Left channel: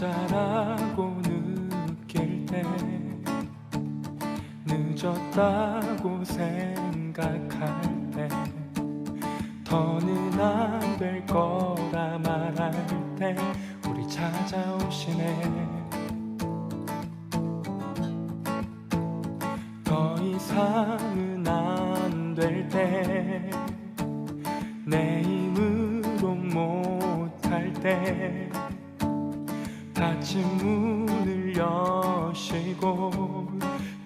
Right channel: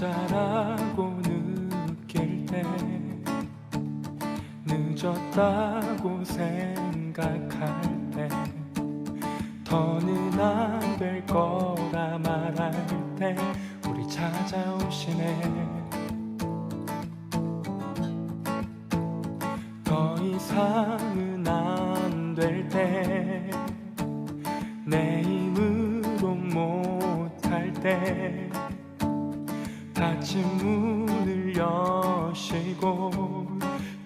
혼자라고 느낄 때, 늦었다고 생각할 때, 더는 안 될 거라 말할 때 우리 찾아오시네. 더 이상은 안 될 때, 내 힘으로 못할 때 닫힌 문을 여시고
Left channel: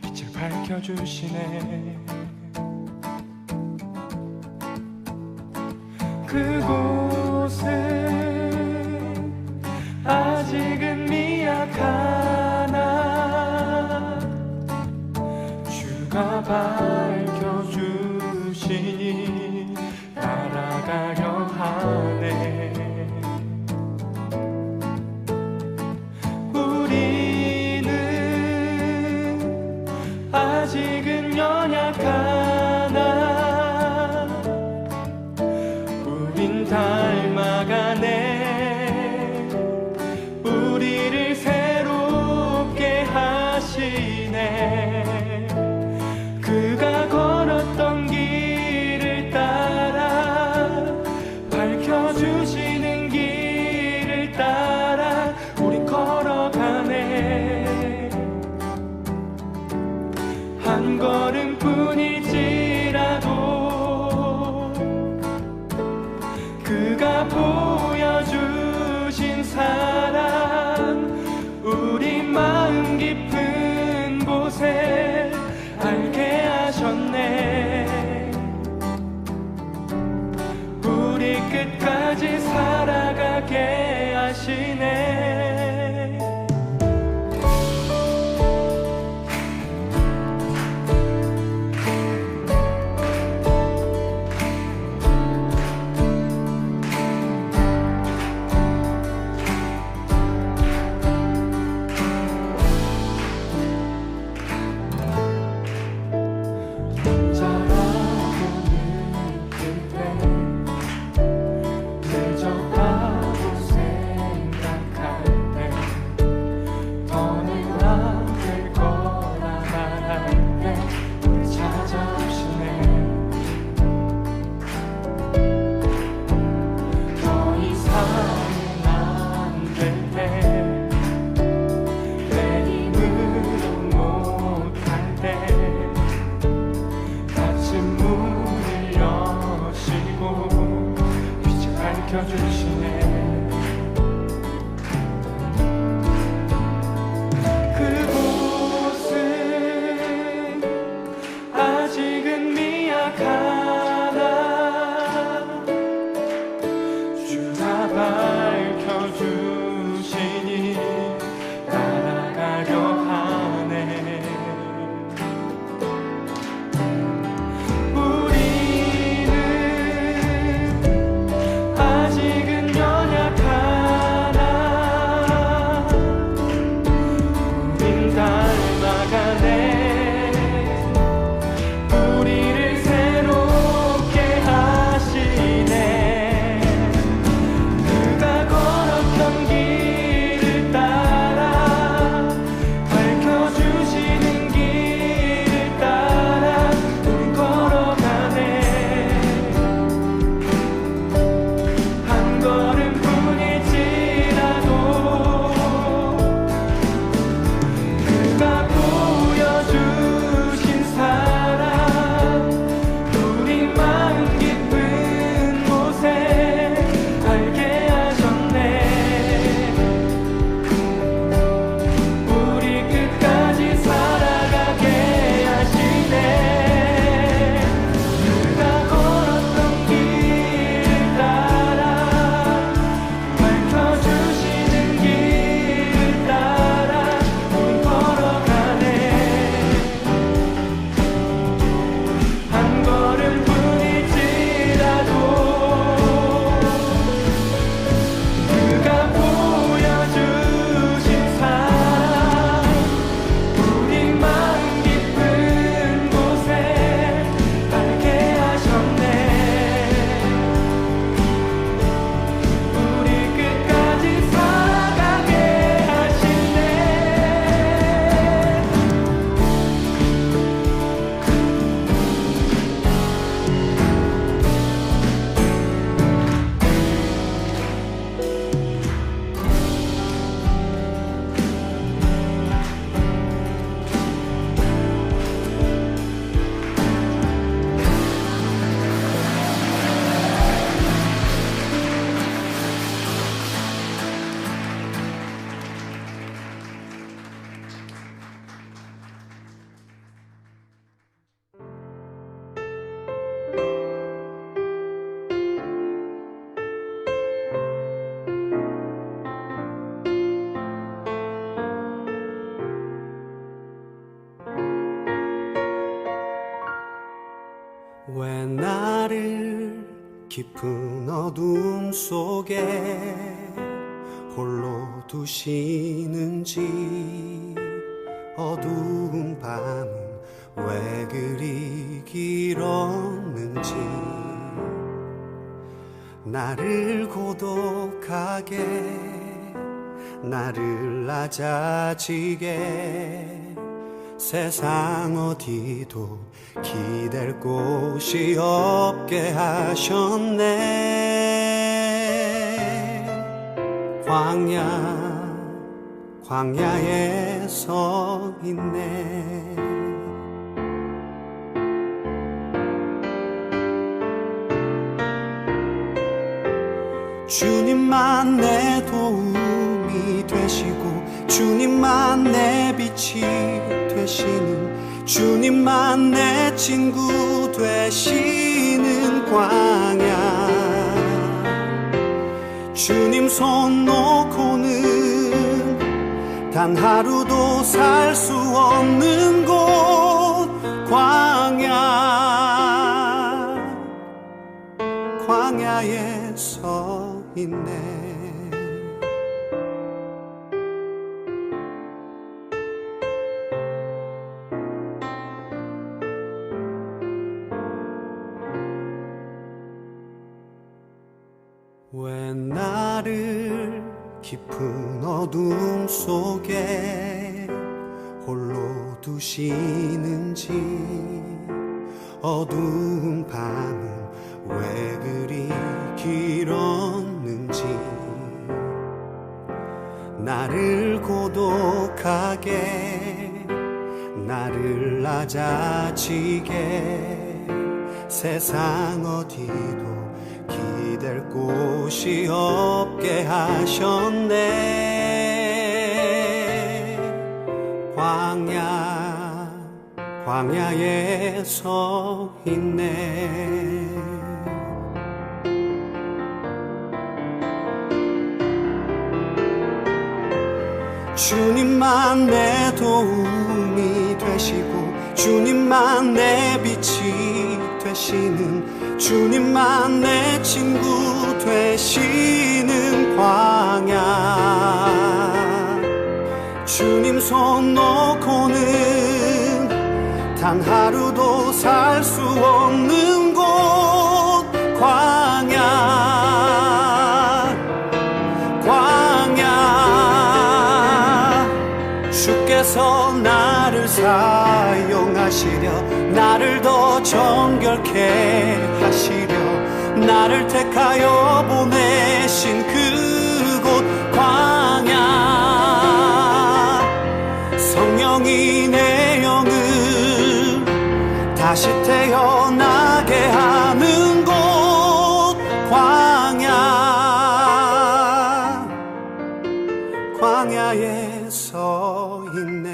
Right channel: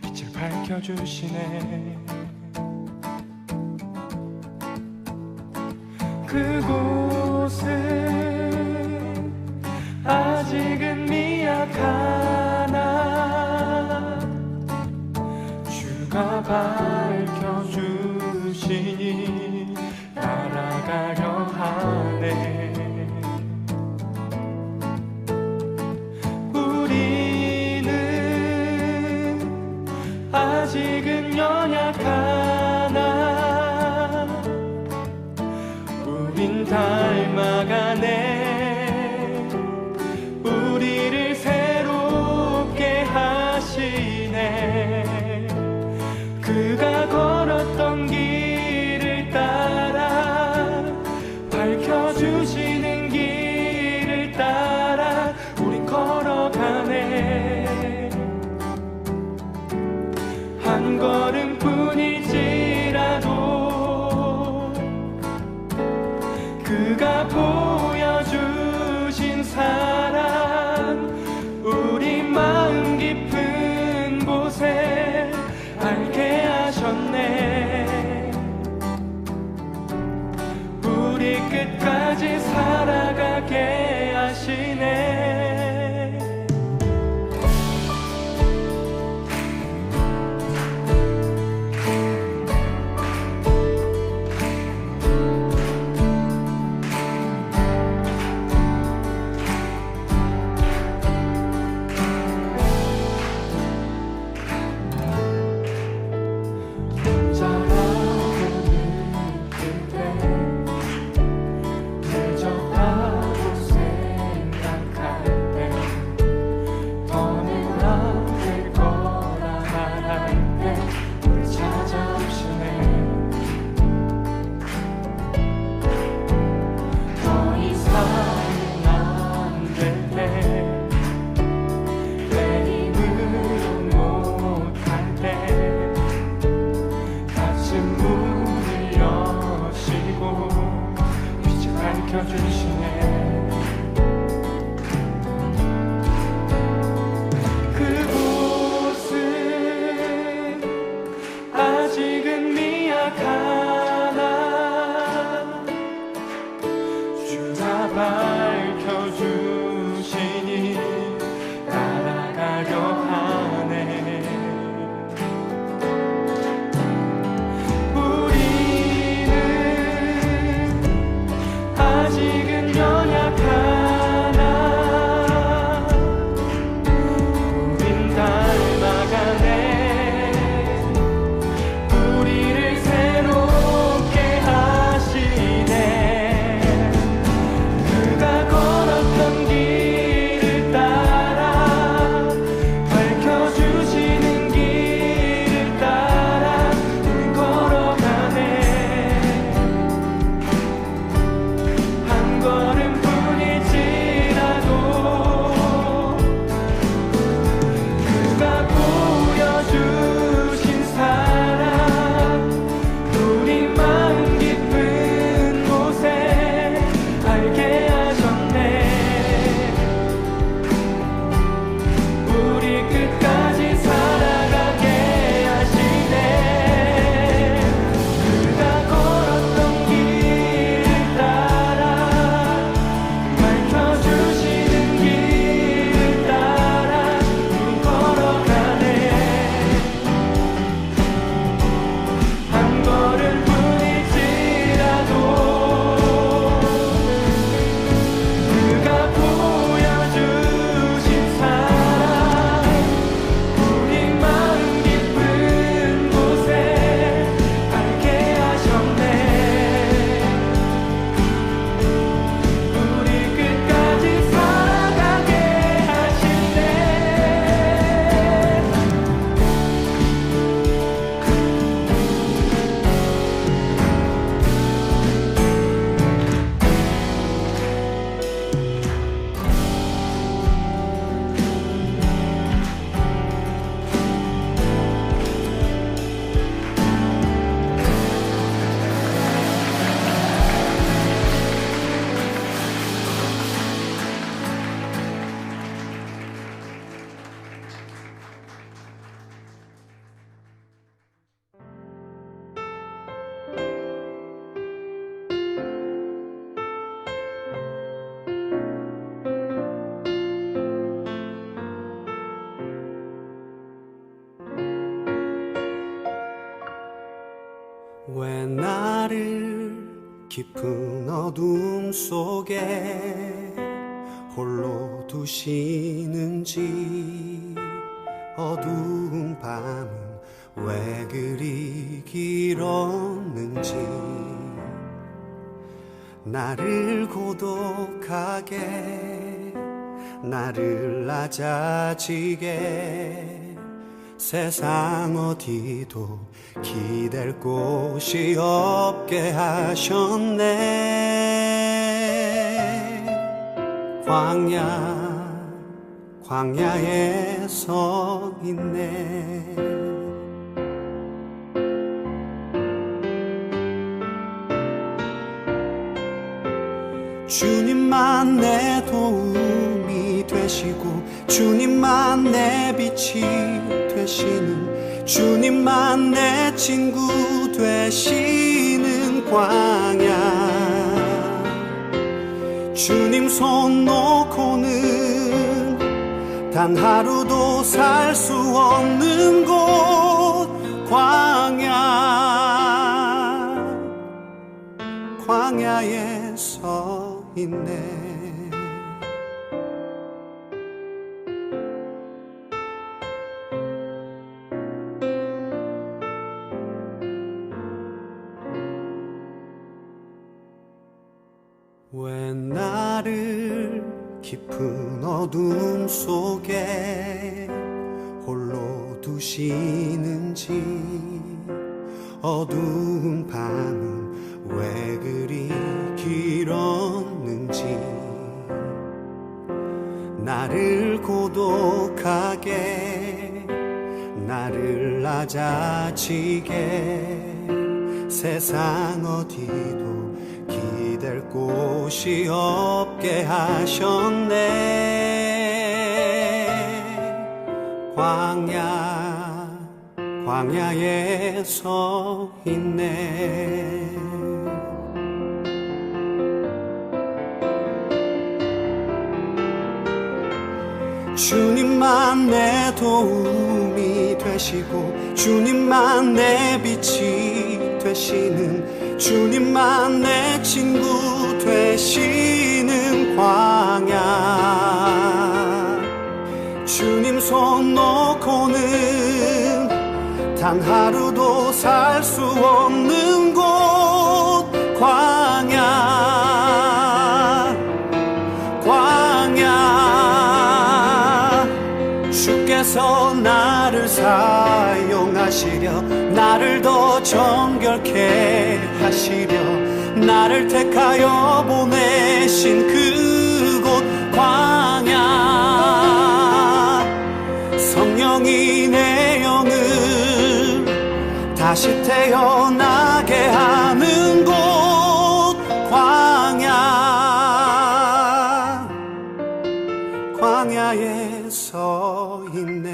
빛을 밝혀주시네. 그곳은 아직은 미약하나 주가 밝혀주시니 따라가려 하네. 우리는 아직은 연약하나 우린 닮아가네. 우리를 새롭게 하시네. 그가 걸었던 길을 따라, 밝혀주시는 길을 따라 우린 걸어가네. 한 걸음뿐일지라도 그가 보여주신 사랑, 우리 마음 깊은 곳에 알게 하셨네. 우리 끝까지 살아가게 하시네. 문을 여시고 빛을 밝혀주시네. 그곳은 아직은 미약하나 주가 밝혀주시니 따라가려 하네. 닮아가네. 우리를 새롭게 왜 나를 깊은 어둠 속에 홀로 두시는지, 어두운 밤은 왜 그리 길었는지, 나를 고독하게, 나를 낮아지게, 세상 어디도 기댈 곳이 없게 하셨네. 광야에 서 있네. 주님만 내 도움이 되시고, 주님만 내 빛이 되시는, 주님만 내 친구 되시는 광야. 주님 손 놓고는 단 하루도 살 수 없는 곳, 광야에 서 있네. 왜 나를 깊은 어둠 속에 홀로 두시는지, 어두운 밤은 왜 그리 길었는지, 나를 고독하게, 나를 낮아지게, 세상 어디도 기댈 곳이 없게 하셨네. 광야에 서 있네. 주님만 내 도움이 되시고, 주님만 내 빛이 되시는, 주님만 내 친구 되시는 광야. 주님 손 놓고는 단 하루도 살 수 없는 곳, 광야. 주께서 나를 사용하시려, 나를 더 정결케 하시려, 나를 택하여 보내신 그곳, 광야. 성령이 내 영을 다시 태어나게 하는 곳, 광야에 서 있네.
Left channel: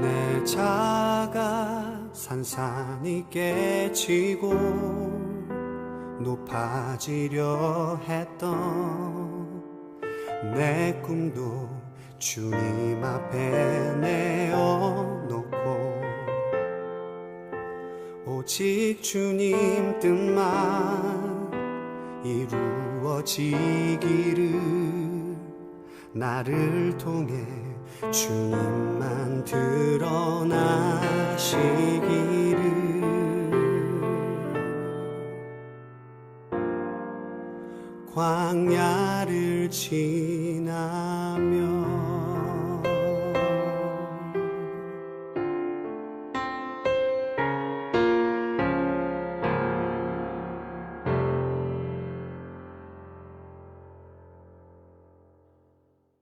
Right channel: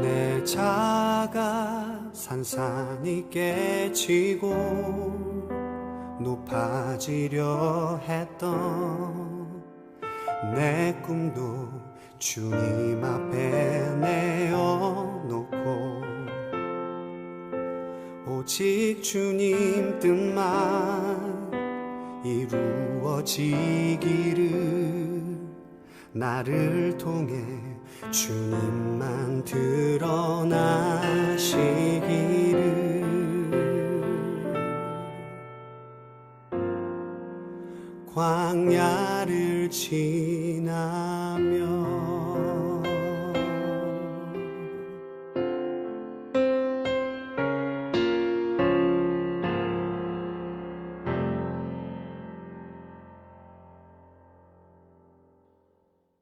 내 자가 산산이 깨지고 높아지려 했던 내 꿈도 주님 앞에 내어놓고, 오직 주님 뜻만 이루어지기를, 나를 통해 주님만 드러나시기를. 광야를 지나며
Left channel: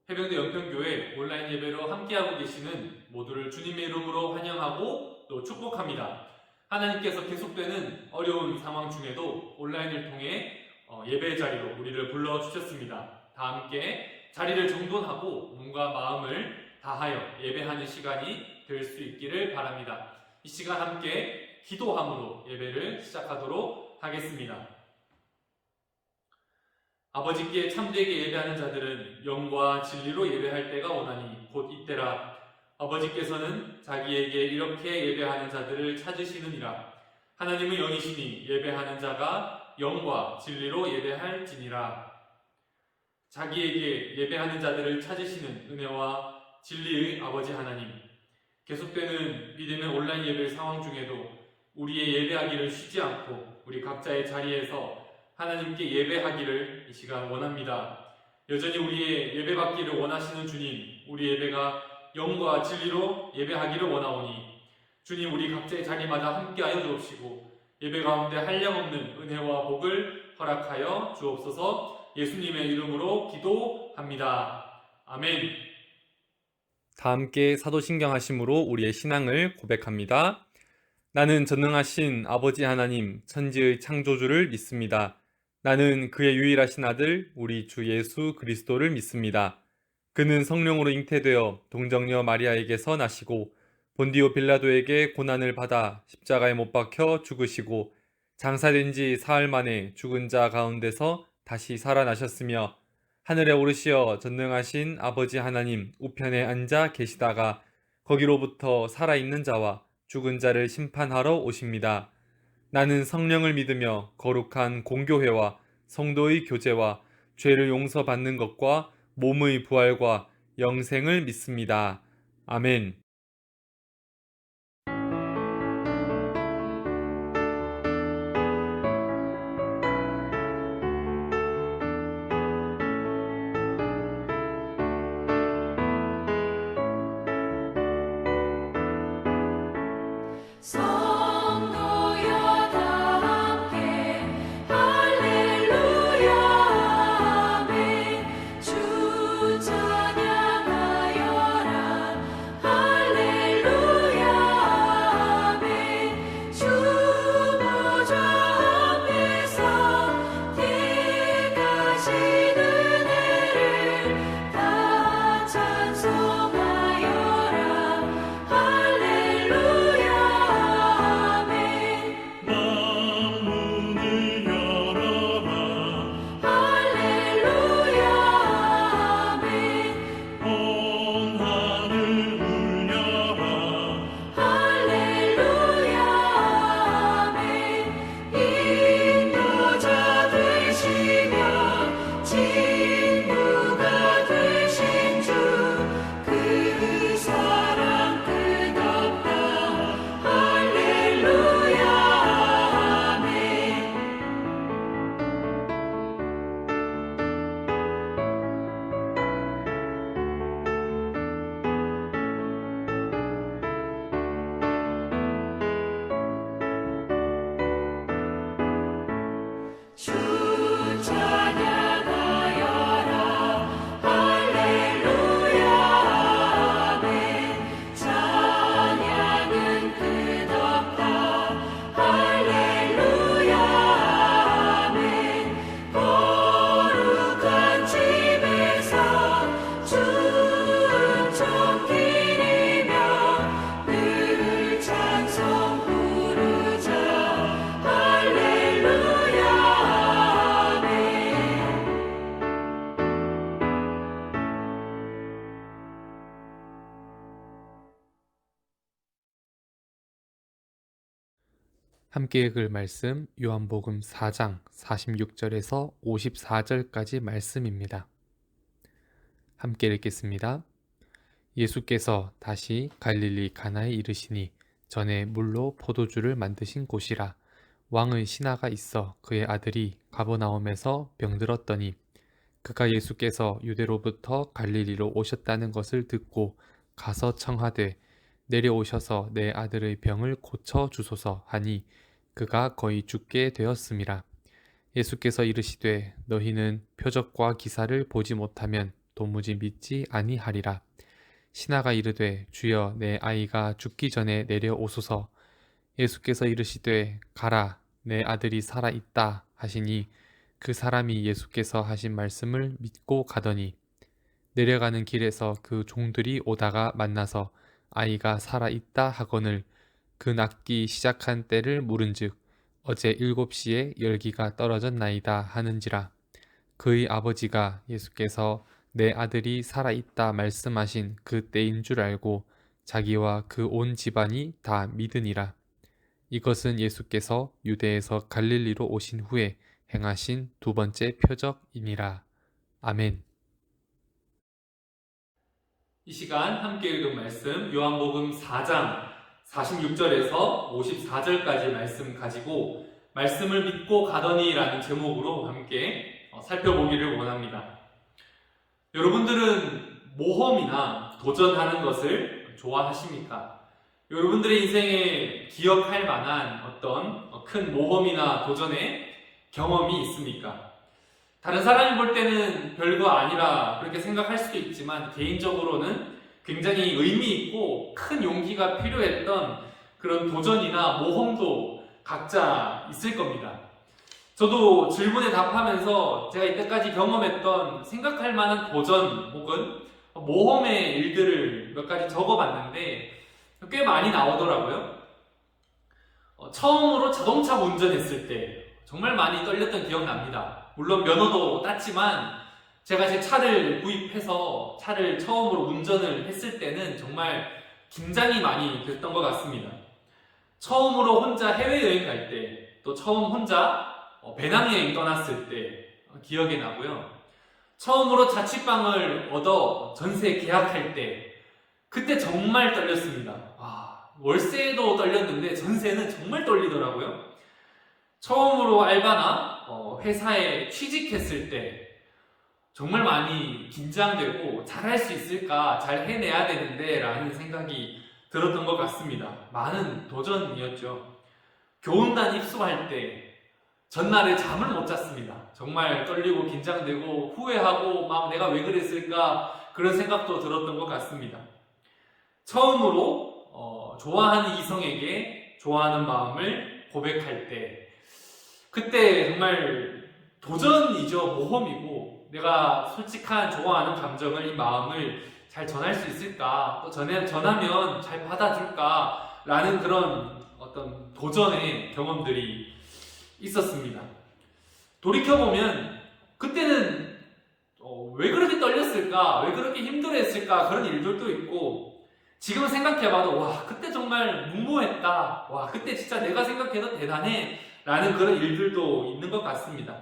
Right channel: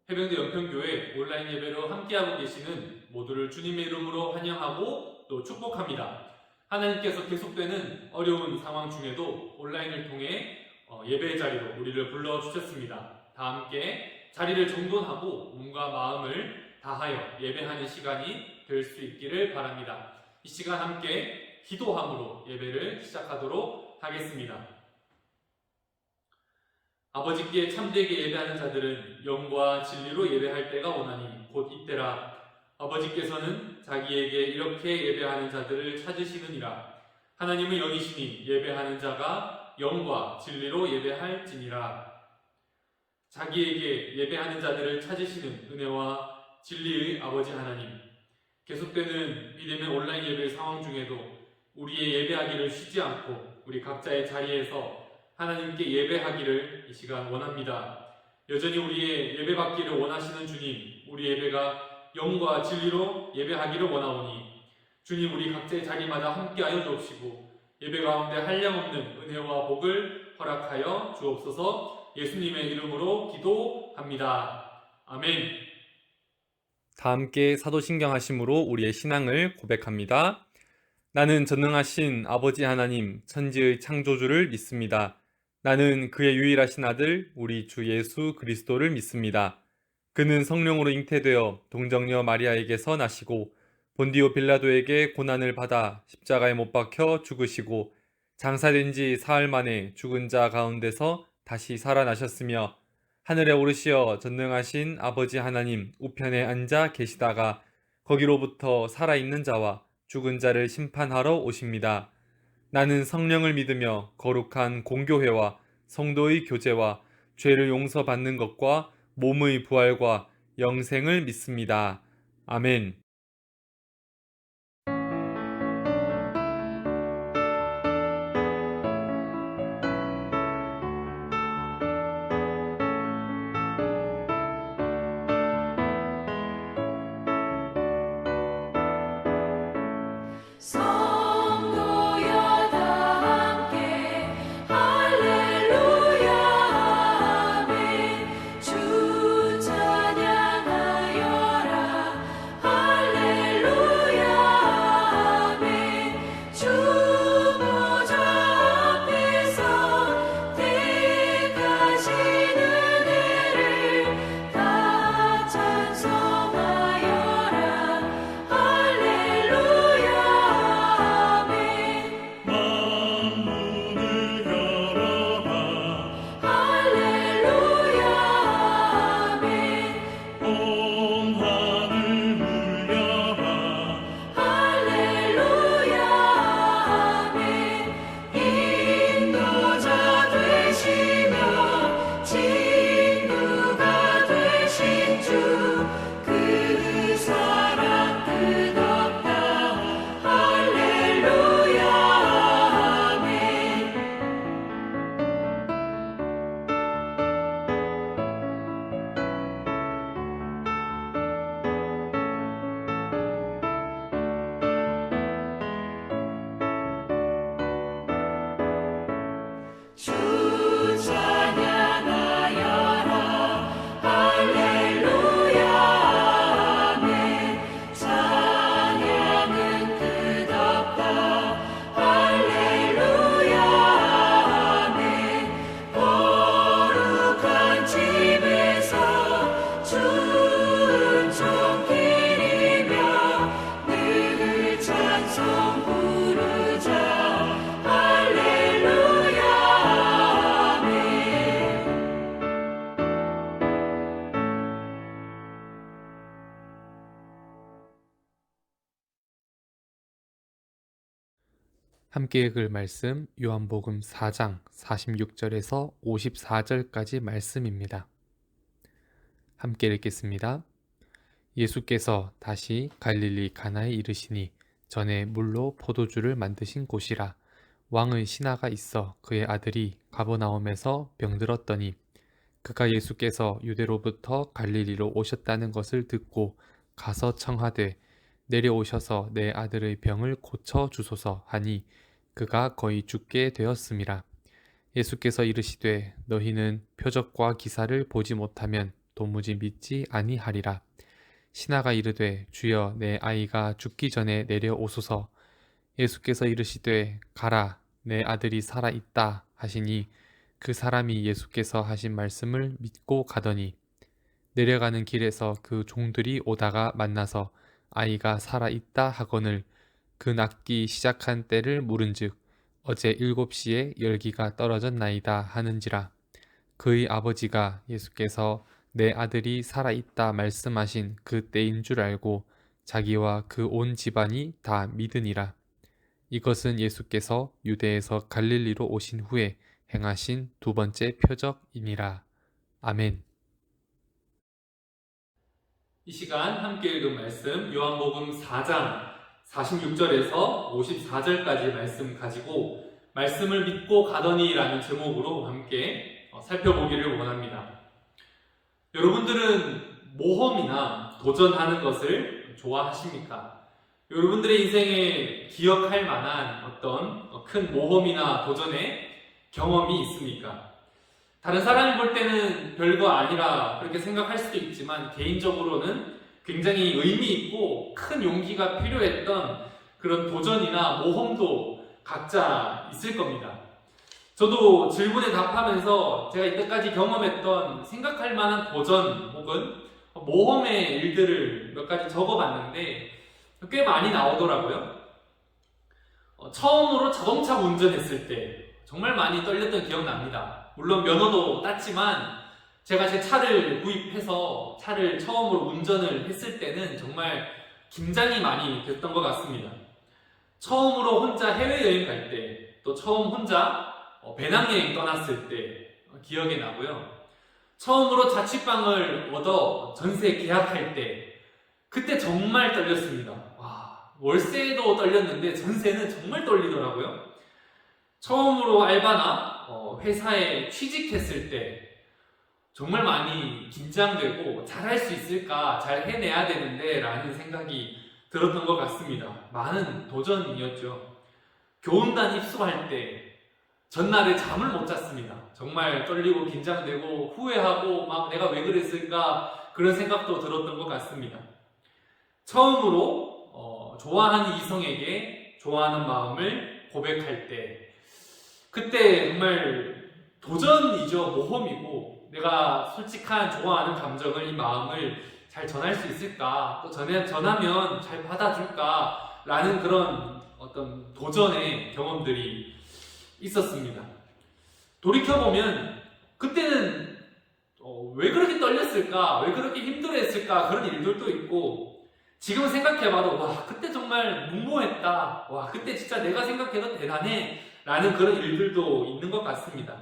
해병대 연평교회 온라인 예배로 함께하고 계시는 모두를 주님의 이름으로 환영하고 또 축복합니다. 하나님께서 계속되는 어려운 상황 중에도 온라인을 통해 예배 자리로 우리를 불러주셨습니다. 다 함께 자리를 정돈하고 몸과 마음을 다하여 예배하는 시간이 될 수 있기를 바랍니다. 이 시간 함께 기도함으로 예배를 시작하도록 하겠습니다. 아버지께 참되게 예배하는 자들은 영과 진리로 예배할 때가 오나니 곧 이때라. 아버지께서는 자기에게 이렇게 예배하는 자들을 찾으시느니라. 하나님은 영이시니 예배하는 자가 영과 진리로 예배할지니라. 자기에게 예배하는 자들을 찾으시는 은혜와 진리의 아버지 하나님, 계속되는 믿음의 온라인 예배 상황 중에도 우리의 예배하기를 쉬지 않고 우리 각자의 자리에서 하나님께 예배하기를 이 시간 원합니다. 여전히 우리의 예배받기를 원하시는 주님, 우리 예배가 영과 진리로 예배하기를 원하오니 주님, 우리 각자의 자리마다 함께하여 주옵시고 예배 가운데 한량없는 은혜와 복을 허락하여 주옵소서. 예수님의 이름으로 기도합니다. 아멘. 다 함께 사도신경 하심으로 우리의 신앙을 고백합니다. 나는 전능하신 아버지 하나님, 천지의 창조주를 믿습니다. 나는 그의 유일하신 아들, 우리 주 예수 그리스도를 믿습니다. 그는 성령으로 잉태되어 동정녀 마리아에게서 나시고 본디오 빌라도에게 고난을 받아 십자가에 못 박혀 죽으시고 장사된 지 사흘 만에 죽은 자 가운데서 다시 살아나셨으며 하늘에 오르시어 전능하신 아버지 하나님 우편에 앉아 계시다가 거기로부터 살아있는 자와 죽은 자를 심판하러 오십니다. 나는 성령을 믿으며 거룩한 공교회와 성도의 교제와 죄를 용서받는 것과 몸의 부활과 영생을 믿습니다. 아멘. 성도여 다 함께 할렐루야 아멘. 주 찬양하여라 할렐루야 아멘. 주 보좌 앞에서 택하신 은혜를 다 찬송하여라 할렐루야 만문을 열어라 할렐루야 아멘. 온 하늘 울려라 할렐루야 아멘. 인도자 되시며 친구가 되신 주 그 사랑 끝없다 할렐루야 아멘. 주 찬양하여라 할렐루야 아멘. 찬양은 끝없다 할렐루야 아멘. 거룩한 집에서 주 음성 기리며 늘 찬송 부르자 할렐루야 아멘. 함께 읽을 말씀 요한복음 4장 46절에서 54절까지 말씀입니다. 함께 읽겠습니다. 예수께서 다시 갈릴리 가나에 이르시니 전에 물로 포도주를 만드신 곳이라. 왕의 신하가 있어 그의 아들이 가버나움에서 병들었더니 그가 예수께서 유대로부터 갈릴리로 오셨다는 것을 듣고 가서 청하되 내려오셔서 내 아들의 병을 고쳐 주소서 하니 그가 거의 죽게 되었음이라. 예수께서 이르시되 너희는 표적과 기사를 보지 못하면 도무지 믿지 아니하리라. 신하가 이르되 주여 내 아이가 죽기 전에 내려오소서. 예수께서 이르시되 가라 내 아들이 살아 있다 하시니 그 사람이 예수께서 하신 말씀을 믿고 가더니 내려가는 길에서 그 종들이 오다가 만나서 아이가 살아 있다 하거늘 그 낫기 시작한 때를 물은즉 어제 7시에 열기가 떨어졌나이다 하는지라. 그의 아버지가 예수께서 내 아들이 살아있다 말씀하신 그 때인 줄 알고 자기와 그 온 집안이 다 믿으니라. 이것은 예수께서 유대에서 갈릴리로 오신 후에 행하신 두 번째 표적이니라. 아멘. 이 시간 함께 읽은 말씀 요한복음 4장 46절에서 54절까지 말씀 가지고 말씀을 믿고 가더니라는 제목으로 함께 살펴보기를 원합니다. 여러분들은 모험이나 도전하는 것을 좋아하십니까? 여러분들의 인생에 기억할 만한 어떤 큰 모험이나 도전의 경험이 있습니까? 다른 사람이 볼 때는 별거 아니라 그렇게 생각할 수도 있지만 개인적으로는 굉장히 의미 있고 큰 용기가 필요했던 그런 도전이나 모험도 각자 있을 겁니다. 저도 질문에 답하면서 제가 이때까지 경험했던 생각할 만한 도전 혹은 모험의 일들을 몇 가지 적어봤는데 꽤 많이 나오더라고요. 처음으로 자동차 운전했을 때 정말 많이 떨렸던 기억납니다. 물론 면허도 땄지만 제가 제 차를 구입해서 차를 처음으로 운전을 했을 때는 정말 긴장이 많이 됐던 것 같습니다. 처음으로 혼자 해외여행 갈 때, 또 처음 혼자 배낭여행 떠났을 때 기억이 나고요. 처음으로 자취방을 얻어 전세 계약할 때 그때 정말 떨렸습니다. 월세도 떨렸는데 전세는 정말 떨리더라고요. 처음으로 알바나 회사에 취직했을 때 정말 많이 긴장되고 잘할 수 있을까, 잘 해내야 되는데 라는 생각이 들었던 것 같습니다. 많은 도전이었죠. 교훈단 입소할 때 전날에 잠을 못 잤습니다. 정말 떨리고 긴장되고 후회하고 막 내가 왜 그랬을까 그런 생각도 들었던 것 같습니다. 처음으로 좋아하는 이성에게 좋아하는 마음을 고백할 때 그때 정말 도전이죠. 모험이고 내가 솔직한 좋아하는 감정을, 이 마음을 잘 전할 수 있을까, 또 전하면 잘 받아줄까 라는 그런 어떤 도전의 경험들이 있었습니다. 돌이켜보면 그때는 왜 그렇게 떨렸을까, 왜 그렇게 힘들어했을까 그런 일들도 있고, 지금 생각해봐도 와 그때 정말 무모했다, 와 그때 진짜 내가 생각해도 대단해 라는 그런 일들도 있는 것 같습니다.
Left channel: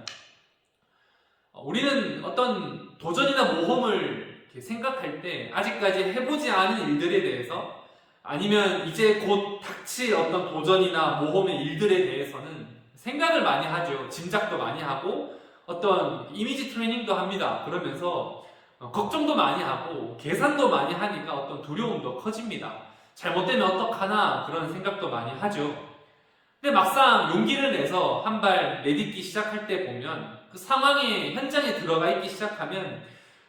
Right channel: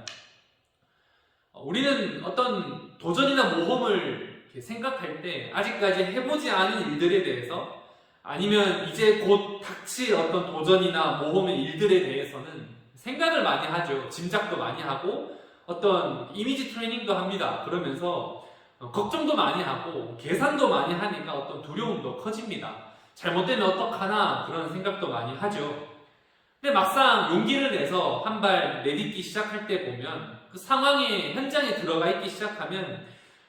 우리는 어떤 도전이나 모험을 이렇게 생각할 때 아직까지 해보지 않은 일들에 대해서, 아니면 이제 곧 닥칠 어떤 도전이나 모험의 일들에 대해서는 생각을 많이 하죠. 짐작도 많이 하고 어떤 이미지 트레이닝도 합니다. 그러면서 걱정도 많이 하고 계산도 많이 하니까 어떤 두려움도 커집니다. 잘못되면 어떡하나 그런 생각도 많이 하죠. 근데 막상 용기를 내서 한 발 내딛기 시작할 때 보면 그 상황의 현장에 들어가 있기 시작하면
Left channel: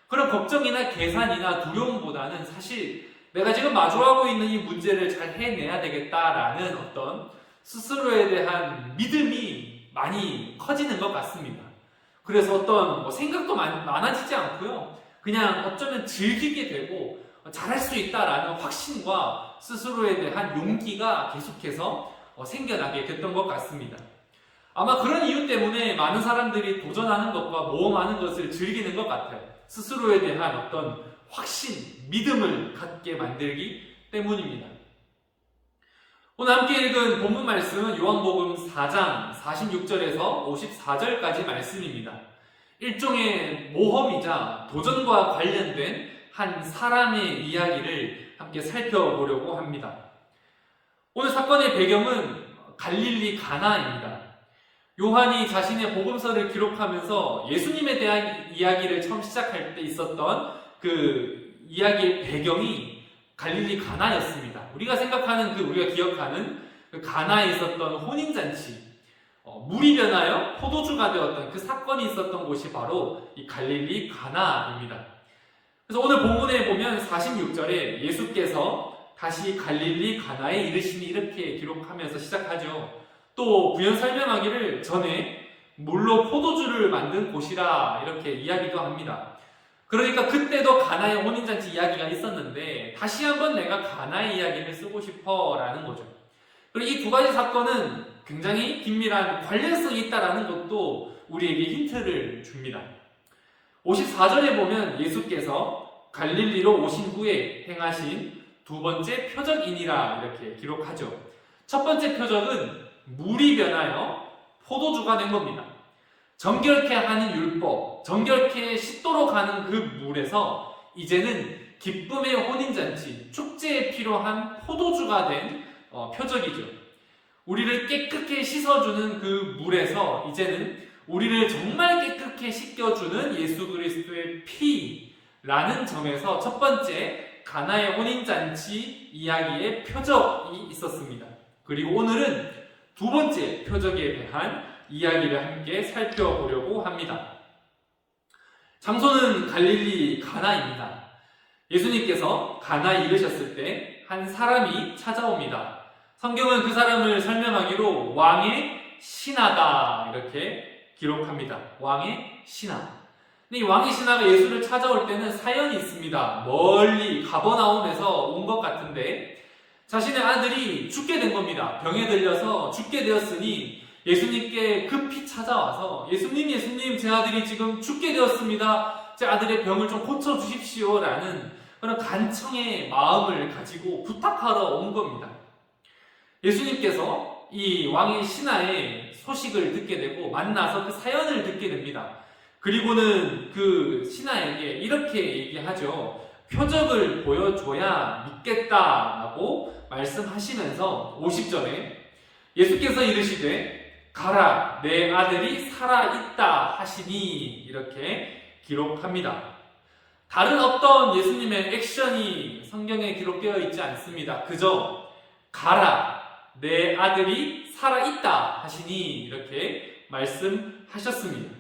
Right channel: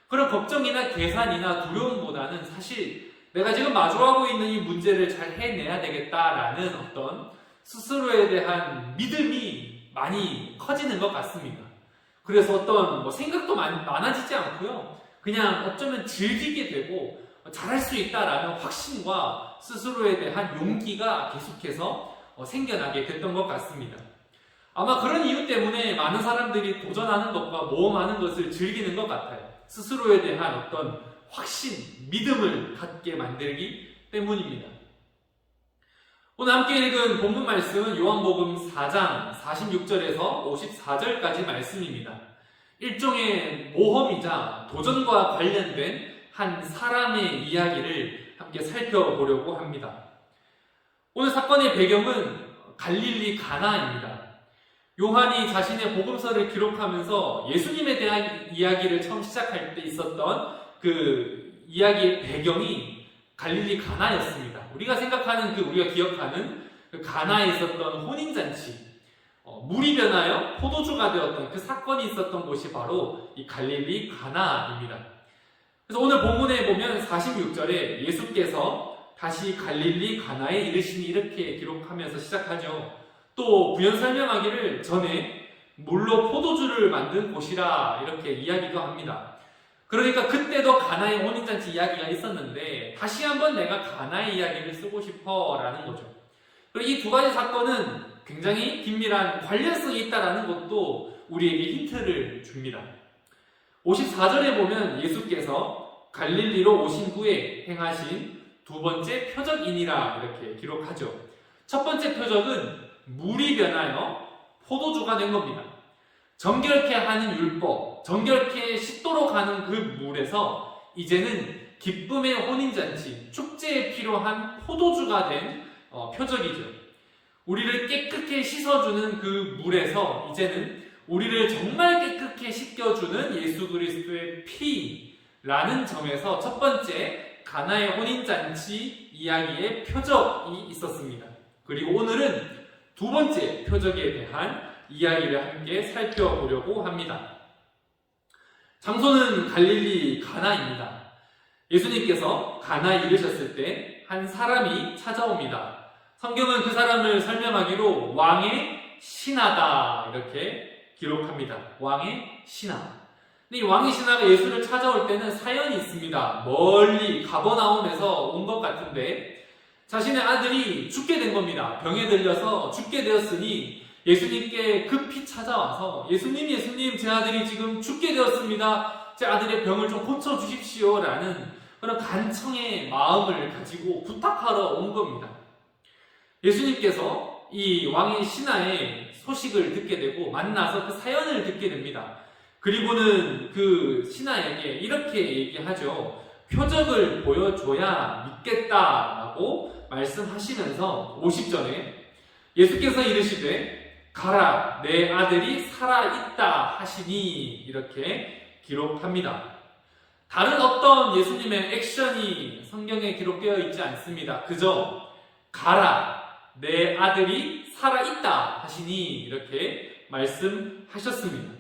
그런 걱정이나 계산이나 두려움보다는 사실 내가 지금 마주하고 있는 이 문제를 잘 해내야 되겠다라는 어떤 스스로에 대한 믿음이 많이 커지는 것 같습니다. 그래서 어떤 생각도 많아지지 않고요. 그냥 어쩌면 즐기게 되고 잘할 수 있다라는 확신과 스스로에 대한 용기가 계속해서 생겨나게 됐던 것 같습니다. 아마 그런 이유 때문에 많은 사람들이 도전하는 것과 모험하는 것을 즐기는 것 같아요. 스스로에 대한 어떤 확신, 믿음을 갖게 만들기 때문입니다. 오늘 함께 읽은 본문 말씀은 요한복음 4장 46절에서 54절까지 말씀입니다. 일종의 모험이자 도전과 관련된 한 사람의 이야기를 함께 살펴보려고 합니다. 오늘 사건의 배경은 갈릴리 가나입니다. 요한이 자신의 복음서를 기록하면서 예수님에 대한 이야기를 처음 시작할 때 있었던 그 이야기의 배경이 갈릴리 가나였습니다. 우리가 생각하는 우리가 기억하는 그 가나에 있었던 혼인잔치, 물이 변하여 포도주가 되었던 그 사건이 있었던 곳이 바로 이 갈릴리 가나입니다. 그래서 오늘 본문에 보면 46절에 예수께서 다시 갈릴리 가나에 이르시니 이렇게 기록하면서 시작하죠. 또 부연 설명하기를 전에 물로 포도주를 만든 곳이라 이렇게 이야기도 합니다. 그러니까 그때도 가나의 혼인잔치 이야기가 있었는데 다시 한번 내가 가나의 이야기를 쓰고 싶어 라는 거죠. 그리고 이 두 가지 사건은 굉장히 긴밀한 관련성이 있다는 것도 우리에게 힌트를 줍니다. 54절에 보면 예수께서 갈릴리로 오신 후에 행하신 두 번째 표적이니라 이렇게 기록하죠. 첫 번째 표적은 물이 변하여 포도주가 된 겁니다. 정결케 하는 율법, 정결케 씻도록 하는 그 물에서 이제는 기쁨의 혼인잔치, 축제에 필요한 포도주가 된 표적이죠. 우리를 깨끗게 씻어주는 그 물에서 이제는 우리를 정말 깨끗게 씻겨주는 예수 그리스도의 피라는 점에서 첫 번째 가나의 혼인잔치 이야기의 표적이 있었습니다. 그리고 오늘은 두 번째 표적에 대한 이야기를 함께 살펴보려고 합니다. 장소는 갈릴리 가나입니다. 예수님께서 가나에 이르셨을 때 한 사람이 찾아옵니다. 성경은 그 사람을 설명하기로 왕의 신하다 이렇게 기록합니다. 왕의 신하. 근데 이 왕의 신하가 예수를 찾아올 때는 사연이 있습니다. 멀리 가버나움에서 온 것 같은데 자신의 아들이 죽게 된 겁니다. 병에 들려서 죽게 되었으니 예수님께 급히 찾아와서 예수님 제 아들이 지금 죽게 되었습니다. 제 아들의 병을 좀 고쳐주십시오 라는 그런 간청의 마음을 가지고 부탁하러 온 겁니다. 예수님께서 이 왕의 신하의 소식을 듣게 되고 만나서 그 사연을 듣게 됩니다. 그리고는 그 신하에게 이렇게 얘기하죠. 표적을 보여줘야 믿겠다라고 말씀하시면서 50절에 예수께서 이르시되 가라 내 아들이 살아있다 하시니 이렇게 기록합니다. 다른 어떤 예수님의 액션이 성경에 기록되어 있지 않습니다. 그저 가라 내 아들이 살아있다 하시니 이렇게 말씀하셨습니다.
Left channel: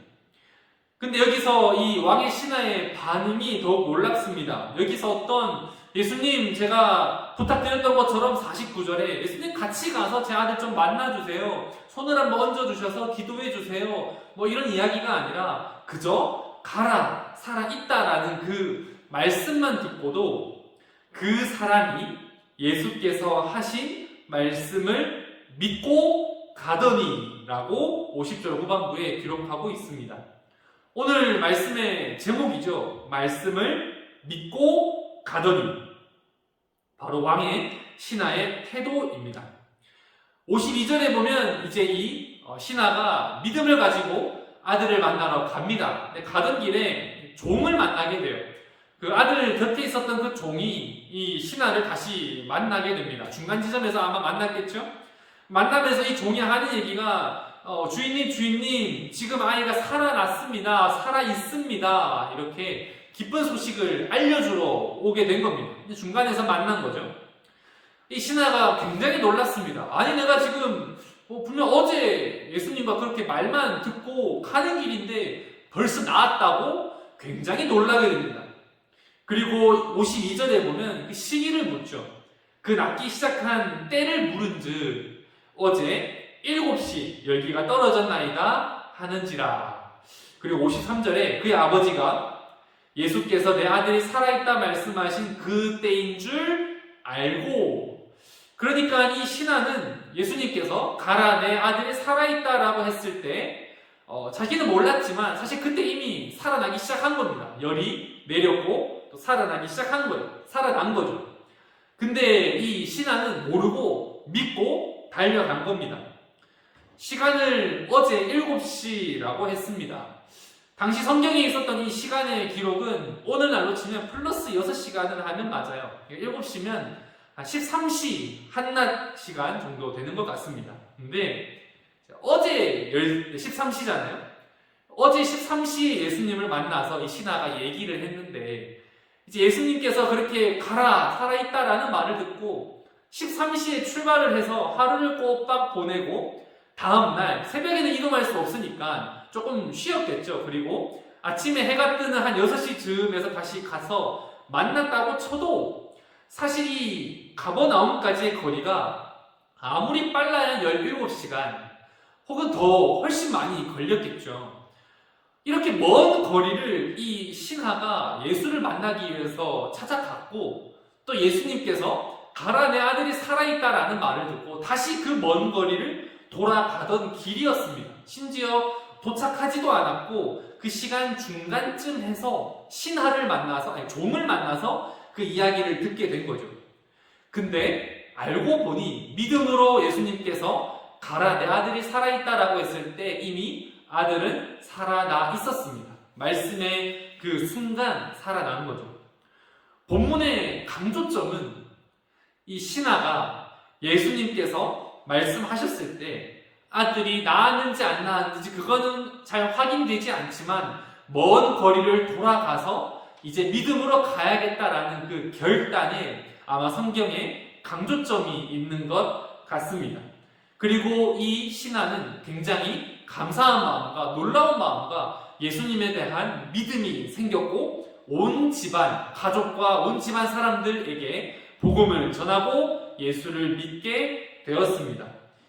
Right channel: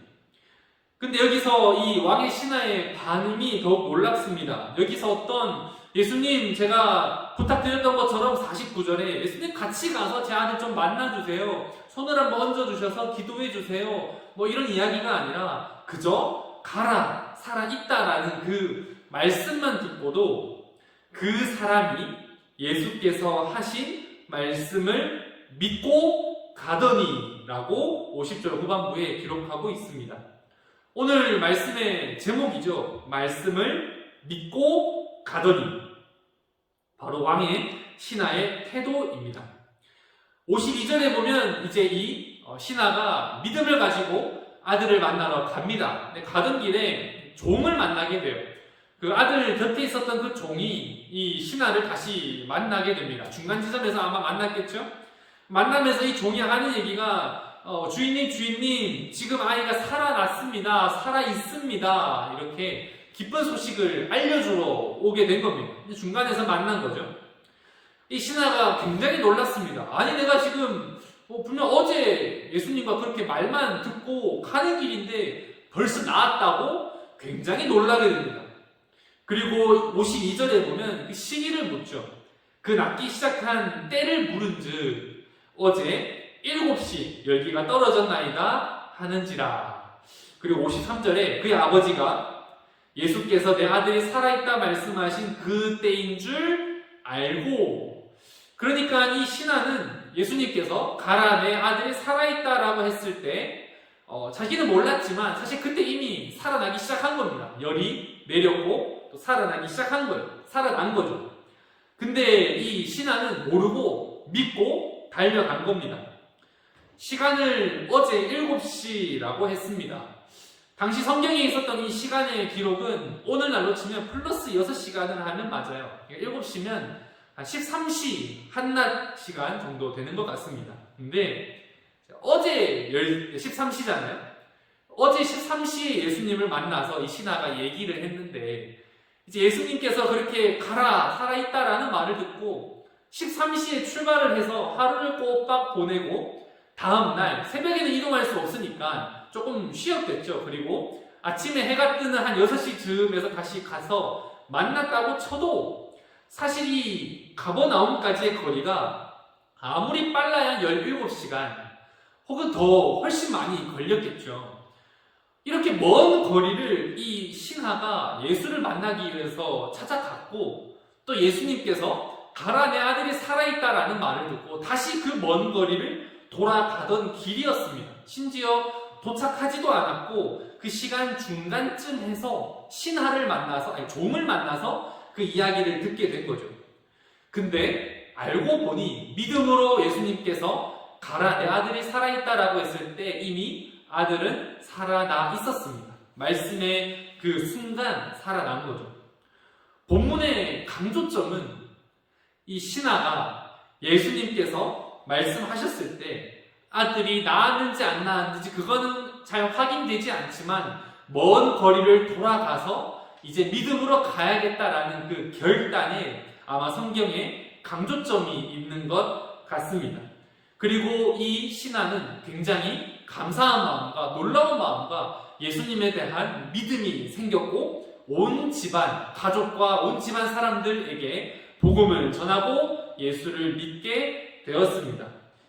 근데 여기서 이 왕의 신하의 반응이 더욱 놀랍습니다. 여기서 어떤 예수님 제가 부탁드렸던 것처럼 49절에 예수님 같이 가서 제 아들 좀 만나주세요. 손을 한번 얹어주셔서 기도해주세요. 뭐 이런 이야기가 아니라 그저 가라 살아있다라는 그 말씀만 듣고도 그 사람이 예수께서 하신 말씀을 믿고 가더니 라고 50절 후반부에 기록하고 있습니다. 오늘 말씀의 제목이죠. 말씀을 믿고 가더니 바로 왕의 신하의 태도입니다. 52절에 보면 이제 이 신하가 믿음을 가지고 아들을 만나러 갑니다. 근데 가던 길에 종을 만나게 돼요. 그 아들 곁에 있었던 그 종이 이 신하를 다시 만나게 됩니다. 중간 지점에서 아마 만났겠죠? 만나면서 이 종이 하는 얘기가 주인님 지금 아이가 살아났습니다. 살아있습니다. 이렇게 기쁜 소식을 알려주러 오게 된 겁니다. 중간에서 만난 거죠. 이 신하가 굉장히 놀랐습니다. 아니 내가 지금 분명 어제 예수님과 그렇게 말만 듣고 가는 길인데 벌써 나았다고 굉장히 놀라게 됩니다. 그리고 52절에 보면 그 시기를 묻죠. 그 낫기 시작한 때를 물은즉 어제 7시 열기가 떨어졌나이다 하는지라. 그리고 53절에 그의 아버지가 예수께서 내 아들이 살아있다 말씀하신 그 때인 줄 알고, 그러니까 이 신하는 예수님께서 가라 내 아들이 살아있다라고 했을 때 자기는 몰랐지만 사실 그때 이미 살아나기 시작한 겁니다. 열이 내렸고 또 살아나기 시작한 거예요. 살아난 거죠. 근데 이 신하는 모르고 믿고 달려간 겁니다. 시간을 어제 7시라고 했습니다. 당시 성경에 있었던 이 시간의 기록은 오늘날로 치면 플러스 6시간을 하면 맞아요. 7시면 한 13시 한낮 시간 정도 되는 것 같습니다. 근데 어제 13시잖아요. 어제 13시에 예수님을 만나서 이 신하가 얘기를 했는데 이제 예수님께서 그렇게 가라 살아있다라는 말을 듣고 13시에 출발을 해서 하루를 꼬박 보내고 다음날 새벽에는 이동할 수 없으니까 조금 쉬었겠죠. 그리고 아침에 해가 뜨는 한 6시 즈음에서 다시 가서 만났다고 쳐도 사실 이 가버나움까지의 거리가 아무리 빨라야 한 17시간 혹은 더 훨씬 많이 걸렸겠죠. 이렇게 먼 거리를 이 신하가 예수를 만나기 위해서 찾아갔고 또 예수님께서 가라 내 아들이 살아있다라는 말을 듣고 다시 그 먼 거리를 돌아가던 길이었습니다. 심지어 도착하지도 않았고 그 시간 중간쯤 해서 신하를 만나서, 아니 종을 만나서 그 이야기를 듣게 된 거죠. 근데 알고 보니 믿음으로 예수님께서 가라, 내 아들이 살아있다라고 했을 때 이미 아들은 살아나 있었습니다. 말씀의 그 순간 살아난 거죠. 본문의 강조점은 이 신하가 예수님께서 말씀하셨을 때 아들이 낳았는지 안 낳았는지 그거는 잘 확인되지 않지만 먼 거리를 돌아가서 이제 믿음으로 가야겠다라는 그 결단에 아마 성경에 강조점이 있는 것 같습니다. 그리고 이 신하는 굉장히 감사한 마음과 놀라운 마음과 예수님에 대한 믿음이 생겼고 온 집안, 가족과 온 집안 사람들에게 복음을 전하고 예수를 믿게 되었습니다.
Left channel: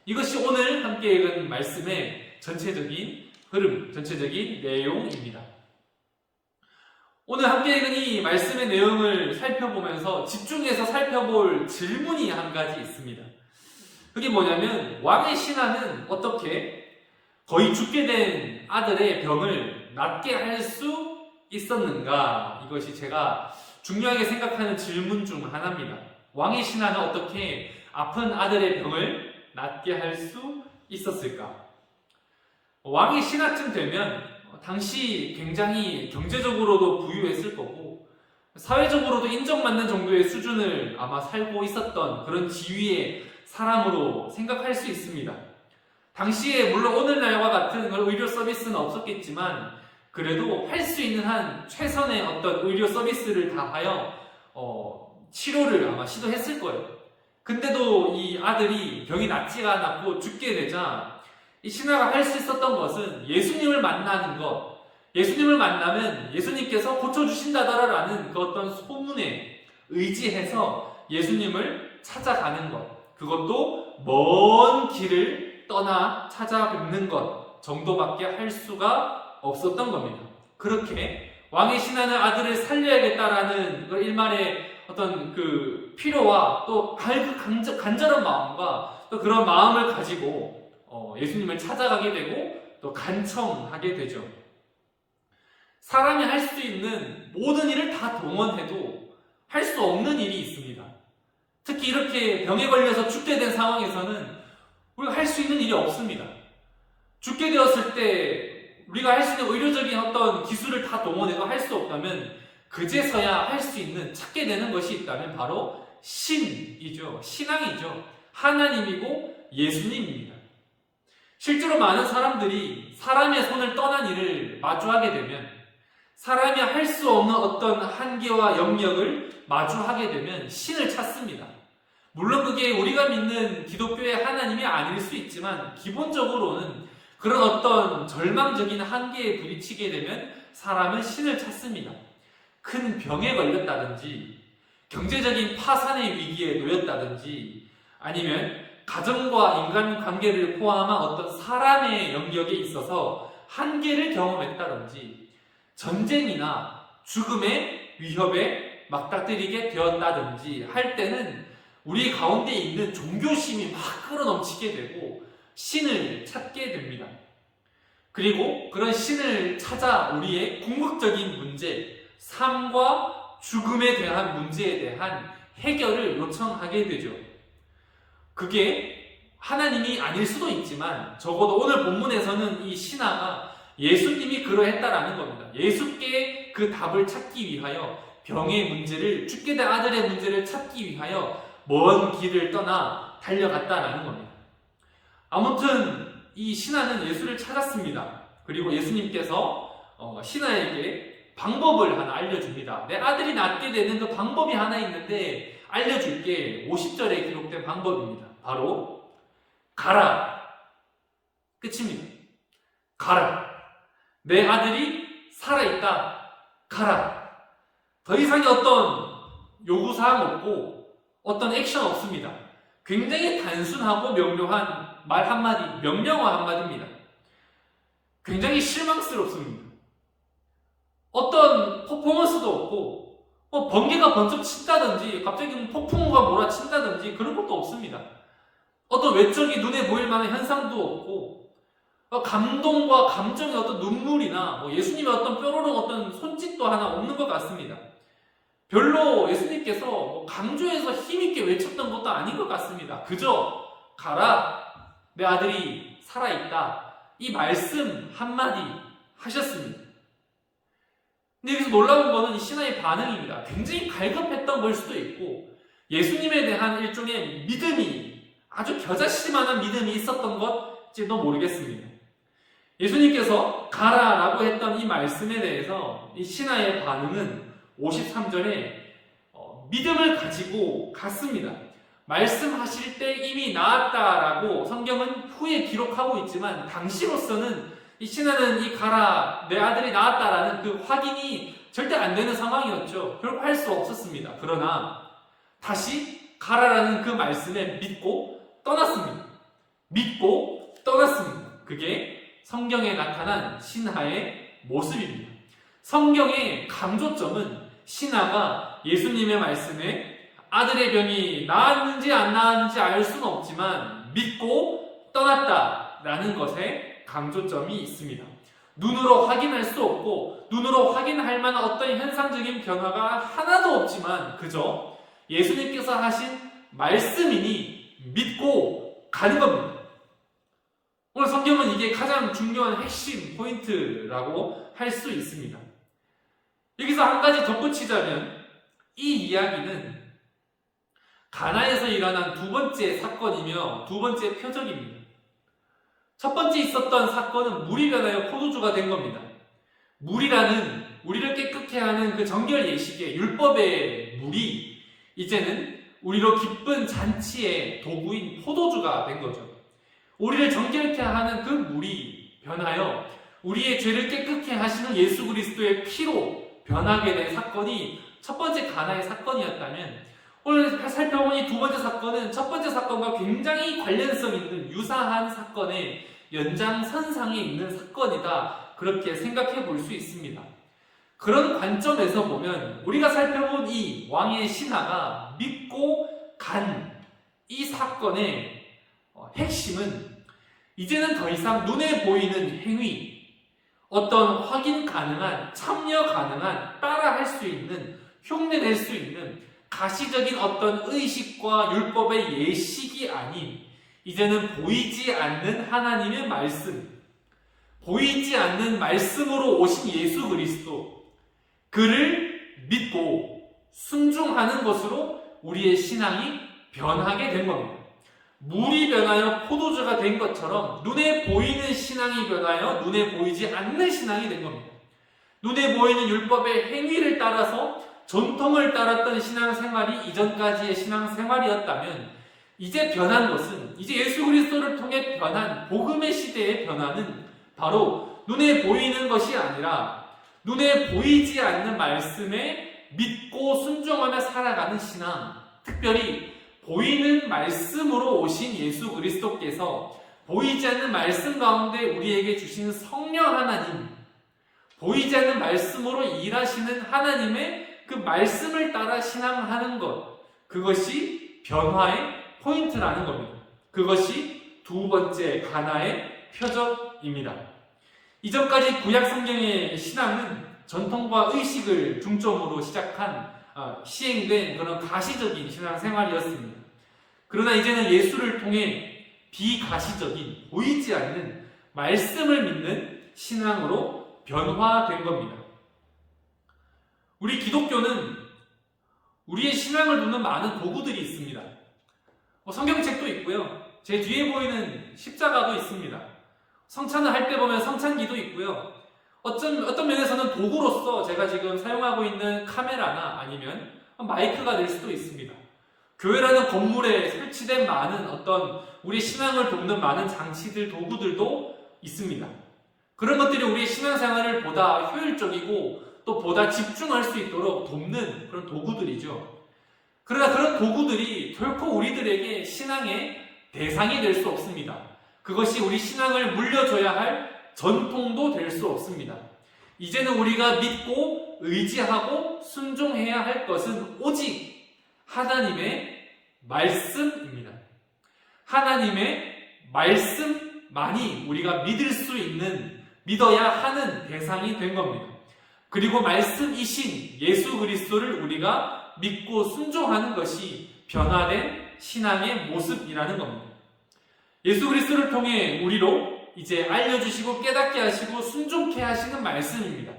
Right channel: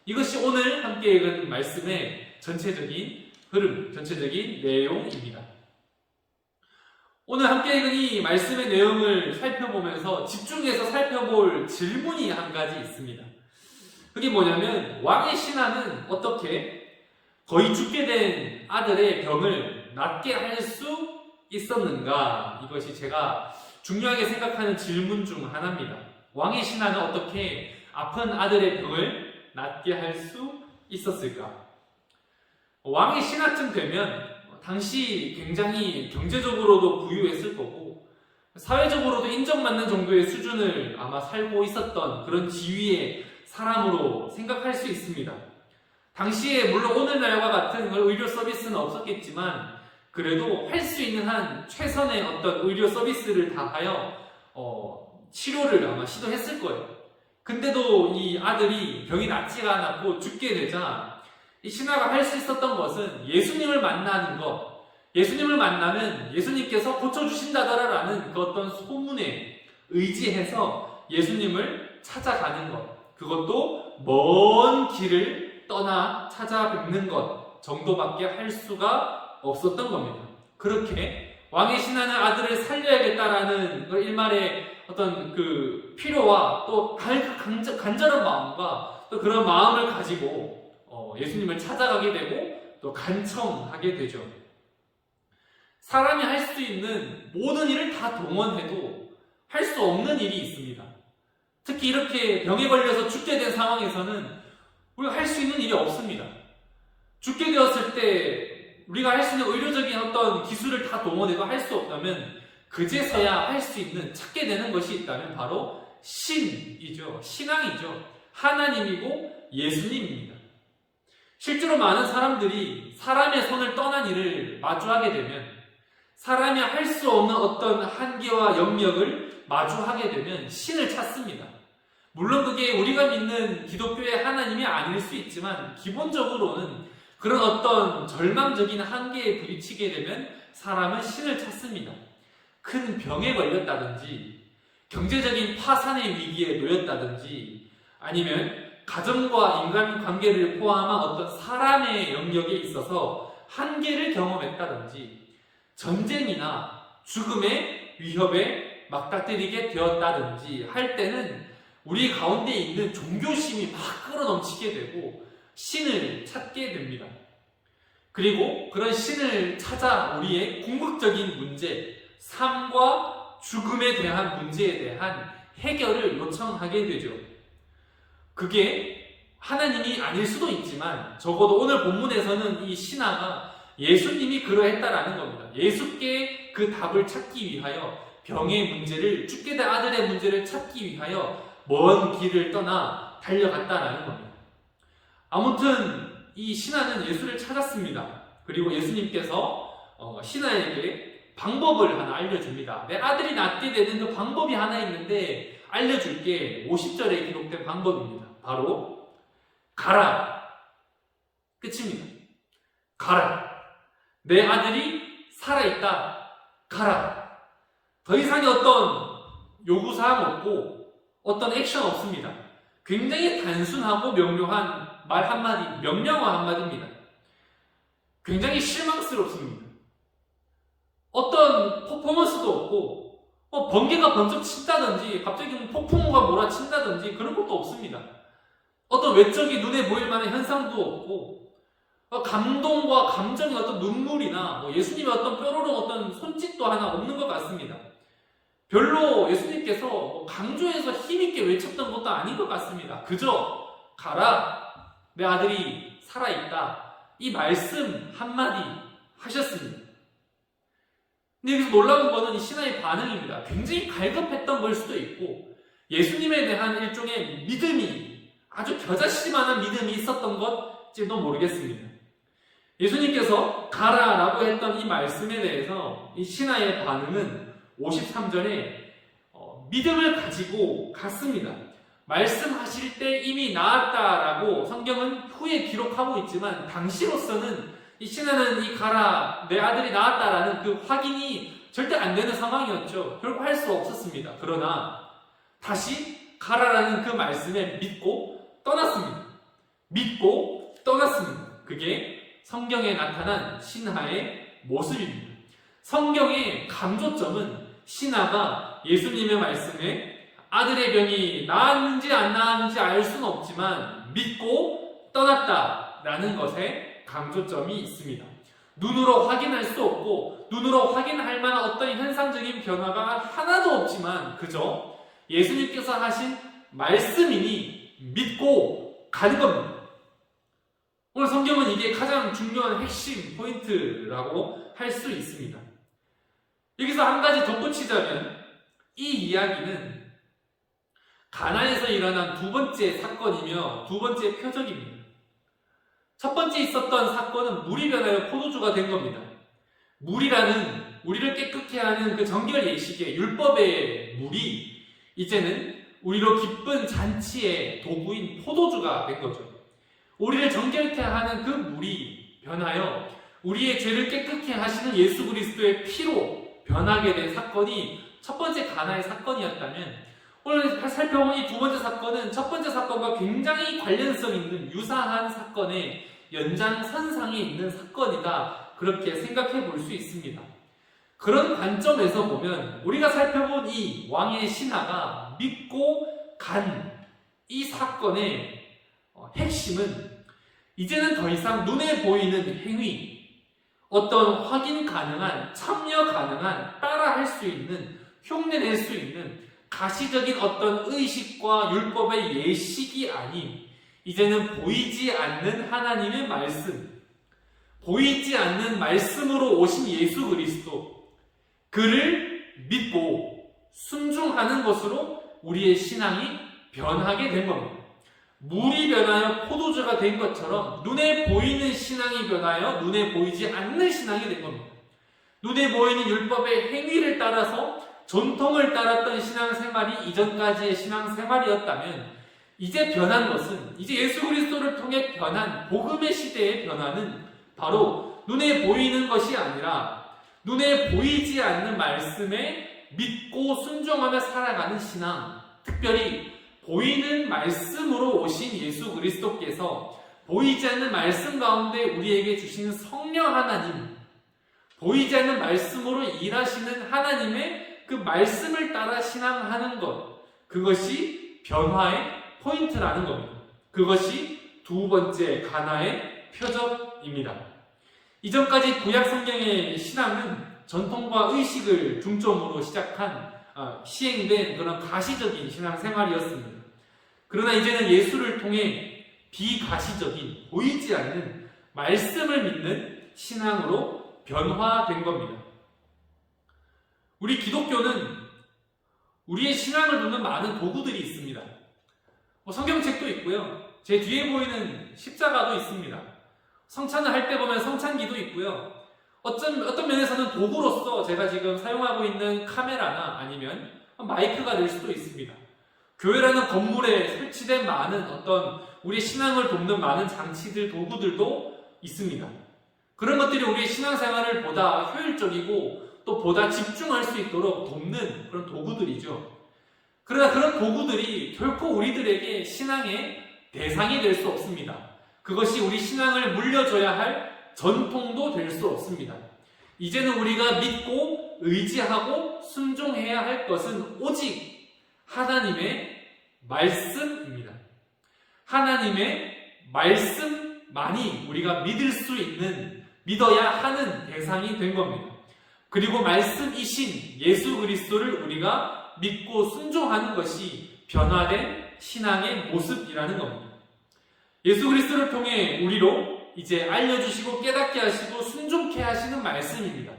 이것이 오늘 함께 읽은 말씀의 전체적인 흐름, 전체적인 내용입니다. 오늘 함께 읽은 이 말씀의 내용을 살펴보면서 집중해서 살펴볼 질문이 한 가지 있습니다. 그게 뭐냐면 왕의 신하는 어떻게 거의 죽게 된 아들의 병을 낫게 할 수 있었는가? 이것이 제가 중요하게 생각하는 질문 중 하나입니다. 왕의 신하는 어떻게 아픈 아들의 병을 낫게 할 수 있었을까? 왕의 신하쯤 되면 당시 굉장히 경제적으로도 부유했을 거고 사회적으로도 인정받는 정도의 수준을 아마 살고 있었던 그런 지위의 사람으로 생각할 수 있습니다. 당시에 물론 오늘날과 같은 의료 서비스는 없었겠지만 그래도 할 수 있는 한 최선의 어떤 의료 서비스를 다하여 치료를 아마 시도했을 거예요. 근데도 이 아들이 병이 낫지가 않았고 죽게 되자 이 신하가 할 수 있었던 것은 예수님을 만나는 것, 예수님을 만나면 예수님께서 고쳐주신다더라라는 그 어떤 소문에 의지해서 예수님을 찾아가는 것, 그것도 먼 길을 떠나 찾아뵙는 것 정도밖에 할 수가 없었던 겁니다. 그렇게 왕의 신하는 아들을 살려야겠다라는 일말의 어떤 그 필요와 또 간절한 마음과 또 그런 마음을 가지고 예수님을 찾아가게 되고 또 간청하게 되죠. 사람이 할 수 있는 모든 일을 다 동원해도 할 수 없는 일이 있습니다. 특히 이렇게 병에 걸려서 죽게 된 상황에서는 우리가 할 수 있는 일이 없습니다. 죽게 되었을 때 우리가 할 수 있는 의료적인 어떤 기술을 다 동원해도 할 수 없다면 그제서야 할 수 있는 찾게 되는 것이 있다면 바로 신이죠. 신앙이죠. 하나님이고 예수님입니다. 실제로 많은 사람들이 사람의 손을 떠난 일을 마주하게 되면 사람이 할 수 없는 어떤 한계와 영역을 마주하게 되면 신을 찾습니다. 물론 그게 우리가 믿는 기독교의 하나님이 아닐 수 있지만 기본적으로는 그런 어떤 절망적인 한계에 부딪히게 되면 사람은 신을 찾습니다. 큰 병에 걸렸다든지 경제적인 파산의 위기에 놓였다든지 아니면 가정과 인간관계를 포함한 어떤 사람의 영역에 있어서 한계를 경험했다든지 전쟁이나 죽음의 위협에 맞닥뜨리게 되었다든지 할 때는 우리 가운데 있는 종교심이 막 끌어넘치게 되고 신을 찾게 됩니다. 그리고 그런 신을 찾아 우리의 궁극적인 문제, 삶과 죽음에 대한 문제에 대한 해결을 요청하게 되죠. 그게 하나님이 아닐 수도 있지만 적어도 오늘 본문에서는 이 신하가 예수님이 그러했다라는 겁니다. 예수께 그 답을 찾기 위하여 병의 문제를, 죽게 된 아들의 문제를 찾기 위하여 먼 길을 떠나 달려갔다라는 겁니다. 아무튼 이 신하는 예수를 찾았습니다. 그리고 예수님께서 신하에게 방법을 하나 알려줍니다. 내 아들이 낫게 되는 그 방법이 하나 있는데 알려줄게. 50절에 기록된 방법입니다. 바로 가라. 끝입니다. 가라. 내 아들이 살아있다. 가라. 더 이상의 어떤 요구사항 없고 어떤 액션 없습니다. 굉장히 단순하고 명료한 말 한마디, 명령어 한마디입니다. 굉장히 실망스럽습니다. 어떤 퍼포먼스도 없고 번개가 번쩍 친다든지 갑자기 폭풍우가 몰아친다든지 그런 것도 없습니다. 어떤 외적이 눈에 보일 만한 현상도 없고 감동과 감정의 어떤 눈물이나 예수님의 어떤 뾰로롱 어떤 손짓도 하나 없는 것 같습니다. 별로 예수님께서 강조해서 힘있게 외쳤던 것도 아닌 것 같습니다. 그저 가라, 내 아들이 살아있다, 이 말씀 한마디 하셨습니다. 근데 여기서 놀라운 거는 이 신하의 반응입니다. 굉장히 갈급했던 걸 수도 있고 예수님에 대한 일종의 믿음이, 아주 겨자씨만한 믿음이 있었던 것일지도 모르겠습니다. 예수님께서 가라라고 했던 이 말씀에 대해서 이 신하의 반응은 53절에 믿음을 가지고 갔습니다. 말씀하실 때 이미 나았다라고 성경은 후에 기록하고 있지만 당시로서는 이 신하는 이 가라, 내 아들이 나았다라는 그 확인이 절대 안 되는 상황이었죠. 결국 할 수 없었습니다. 그러나 다시 가라라는 그 말씀에 믿고 떠났습니다. 믿고 떠났습니다. 그게 성경에 나타난 신하의 모습입니다. 성경의 강조점은 신하가 예수님의 말씀에 아들의 병이 나았는지 안 나았는지 알 수는 없지만 믿고 떠났다라는 것에 강조점이 있습니다. 눈으로 확인할 수 없고 눈으로 확인할 만한 어떤 현상적인 변화가 하나도 없지만 그저 예수님께서 하신 말씀이니 믿고 가는 겁니다. 오늘 성경은 이게 가장 중요한 핵심 포인트라고 할 수 있습니다. 여기서 한 가지 덧붙이자면 이 이야기는 가나에서 일어난 두 번째 사건이며 두 번째 표적입니다. 첫 번째 있었던 사건은 물이 변하여 포도주가 된 겁니다. 물이라는 우리를 깨끗게 하는 그 정결 예식의 율법의 물이 이제는 우리로 기쁜 잔치의 도구인 포도주가 된 거죠. 우리를 정결케 하는 그 물이 변하여 우리의 죄를 깨끗게 하시는 예수 그리스도의 피로 변하게 된 사건이 첫 번째 가나의 사건이었다면 오늘 살펴본 이 두 번째 사건은 첫 번째 사건과 굉장히 관련성 있는 유사한 사건의 연장선상에 있는 사건이다. 그렇게 생각해 볼 수 있습니다. 그런 관점에서 보면 우리가 살펴본 이 왕의 신하가 믿고 간 이 사건의 핵심은 이제는 더 이상 눈에 보이는 행위, 어떤 확인 가능한, 참여 가능한, 따라할 수 있는, 흉내낼 수 있는 가시적인 어떤 의식과 율법의 예식이 아닌 이제는 보이지 않는 하나님의 말씀, 보이지 않는 말씀으로 오신 예수 그리스도, 그를 믿고 순종하는 것으로 우리의 신앙이 변하게 된 겁니다. 물이 변하여 포도주가 된 것처럼 눈에 보이는 신앙이 변하여 눈에 보이지 않는 신앙이 된 겁니다. 눈에 보이는 율법의 행위를 따라서 전통을 따랐던 신앙생활이 이전까지의 신앙생활이었다면 이제 변한 것은, 이제 예수 그리스도를 통해 변한 복음의 시대의 변화는 바로 눈에 보이는 것이 아니라 눈에 보이지 않는 말씀에 믿고 순종하며 살아가는 신앙, 특별히 보이는 말씀으로 오신 예수 그리스도께서 보이지 않는 말씀 가운데 우리에게 주신 성령 하나님, 보이지 않는 말씀으로 일하시는 하나님의 그 말씀을 따라 신앙하는 것, 그것이 변화의 포인트라는 겁니다. 그것이 두 번째 가나의 표적입니다. 이전까지 구약 성경의 신앙은 전통과 의식을 중점으로 시행된 그런 가시적인 신앙생활이었습니다. 그러나 이제는 예수를 통해 비가시적인, 보이지 않는 말씀을 믿는 신앙으로 변화된 겁니다. 우리 기독교는 우리의 신앙을 돕는 많은 도구들이 있습니다. 성경책도 있고요. 제 뒤에 보이는 십자가도 있습니다. 성찬을 할 때 보면 성찬기도 있고요. 어떤 면에서는 도구로서 제가 지금 사용하고 있는 카메라나 아니면 마이크가 될 수도 있습니다. 교회라는 건물에 설치된 많은 어떤 우리 신앙을 돕는 많은 장치들, 도구들도 있습니다. 그런 것들이 우리의 신앙생활을 보다 효율적이고 또 보다 집중할 수 있도록 돕는 그런 도구들이죠. 그러나 그런 도구들이 결코 우리들에게 신앙의 대상이 될 수 없습니다. 그것이 우리 신앙을 물려줘야 할 전통도 될 수 없습니다. 이제는 우리가 믿고 의지하고 순종해야 할 것은 오직 하나님의 말씀입니다. 하나님의 말씀 많이 우리가 믿어야 하는 대상이 된 겁니다. 그리고 말씀이신 예수 그리스도를 우리가 믿고 순종하는 것이 변화된 신앙의 모습이라는 겁니다. 예수 그리스도를 통해 우리로 이제 알려주시고 깨닫게 하시고 순종케 하시는 말씀입니다.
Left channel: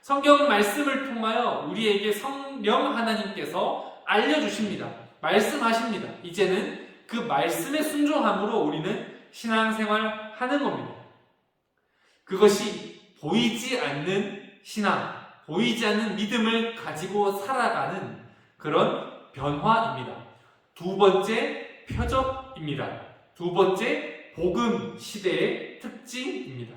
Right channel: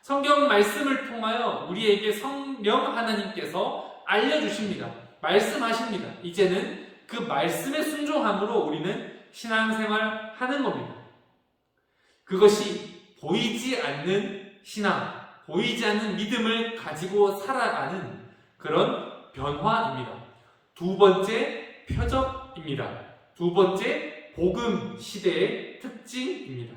성경 말씀을 통하여 우리에게 성령 하나님께서 알려주십니다. 말씀하십니다. 이제는 그 말씀에 순종함으로 우리는 신앙생활 하는 겁니다. 그것이 보이지 않는 신앙, 보이지 않는 믿음을 가지고 살아가는 그런 변화입니다. 두 번째 표적입니다. 두 번째 복음 시대의 특징입니다.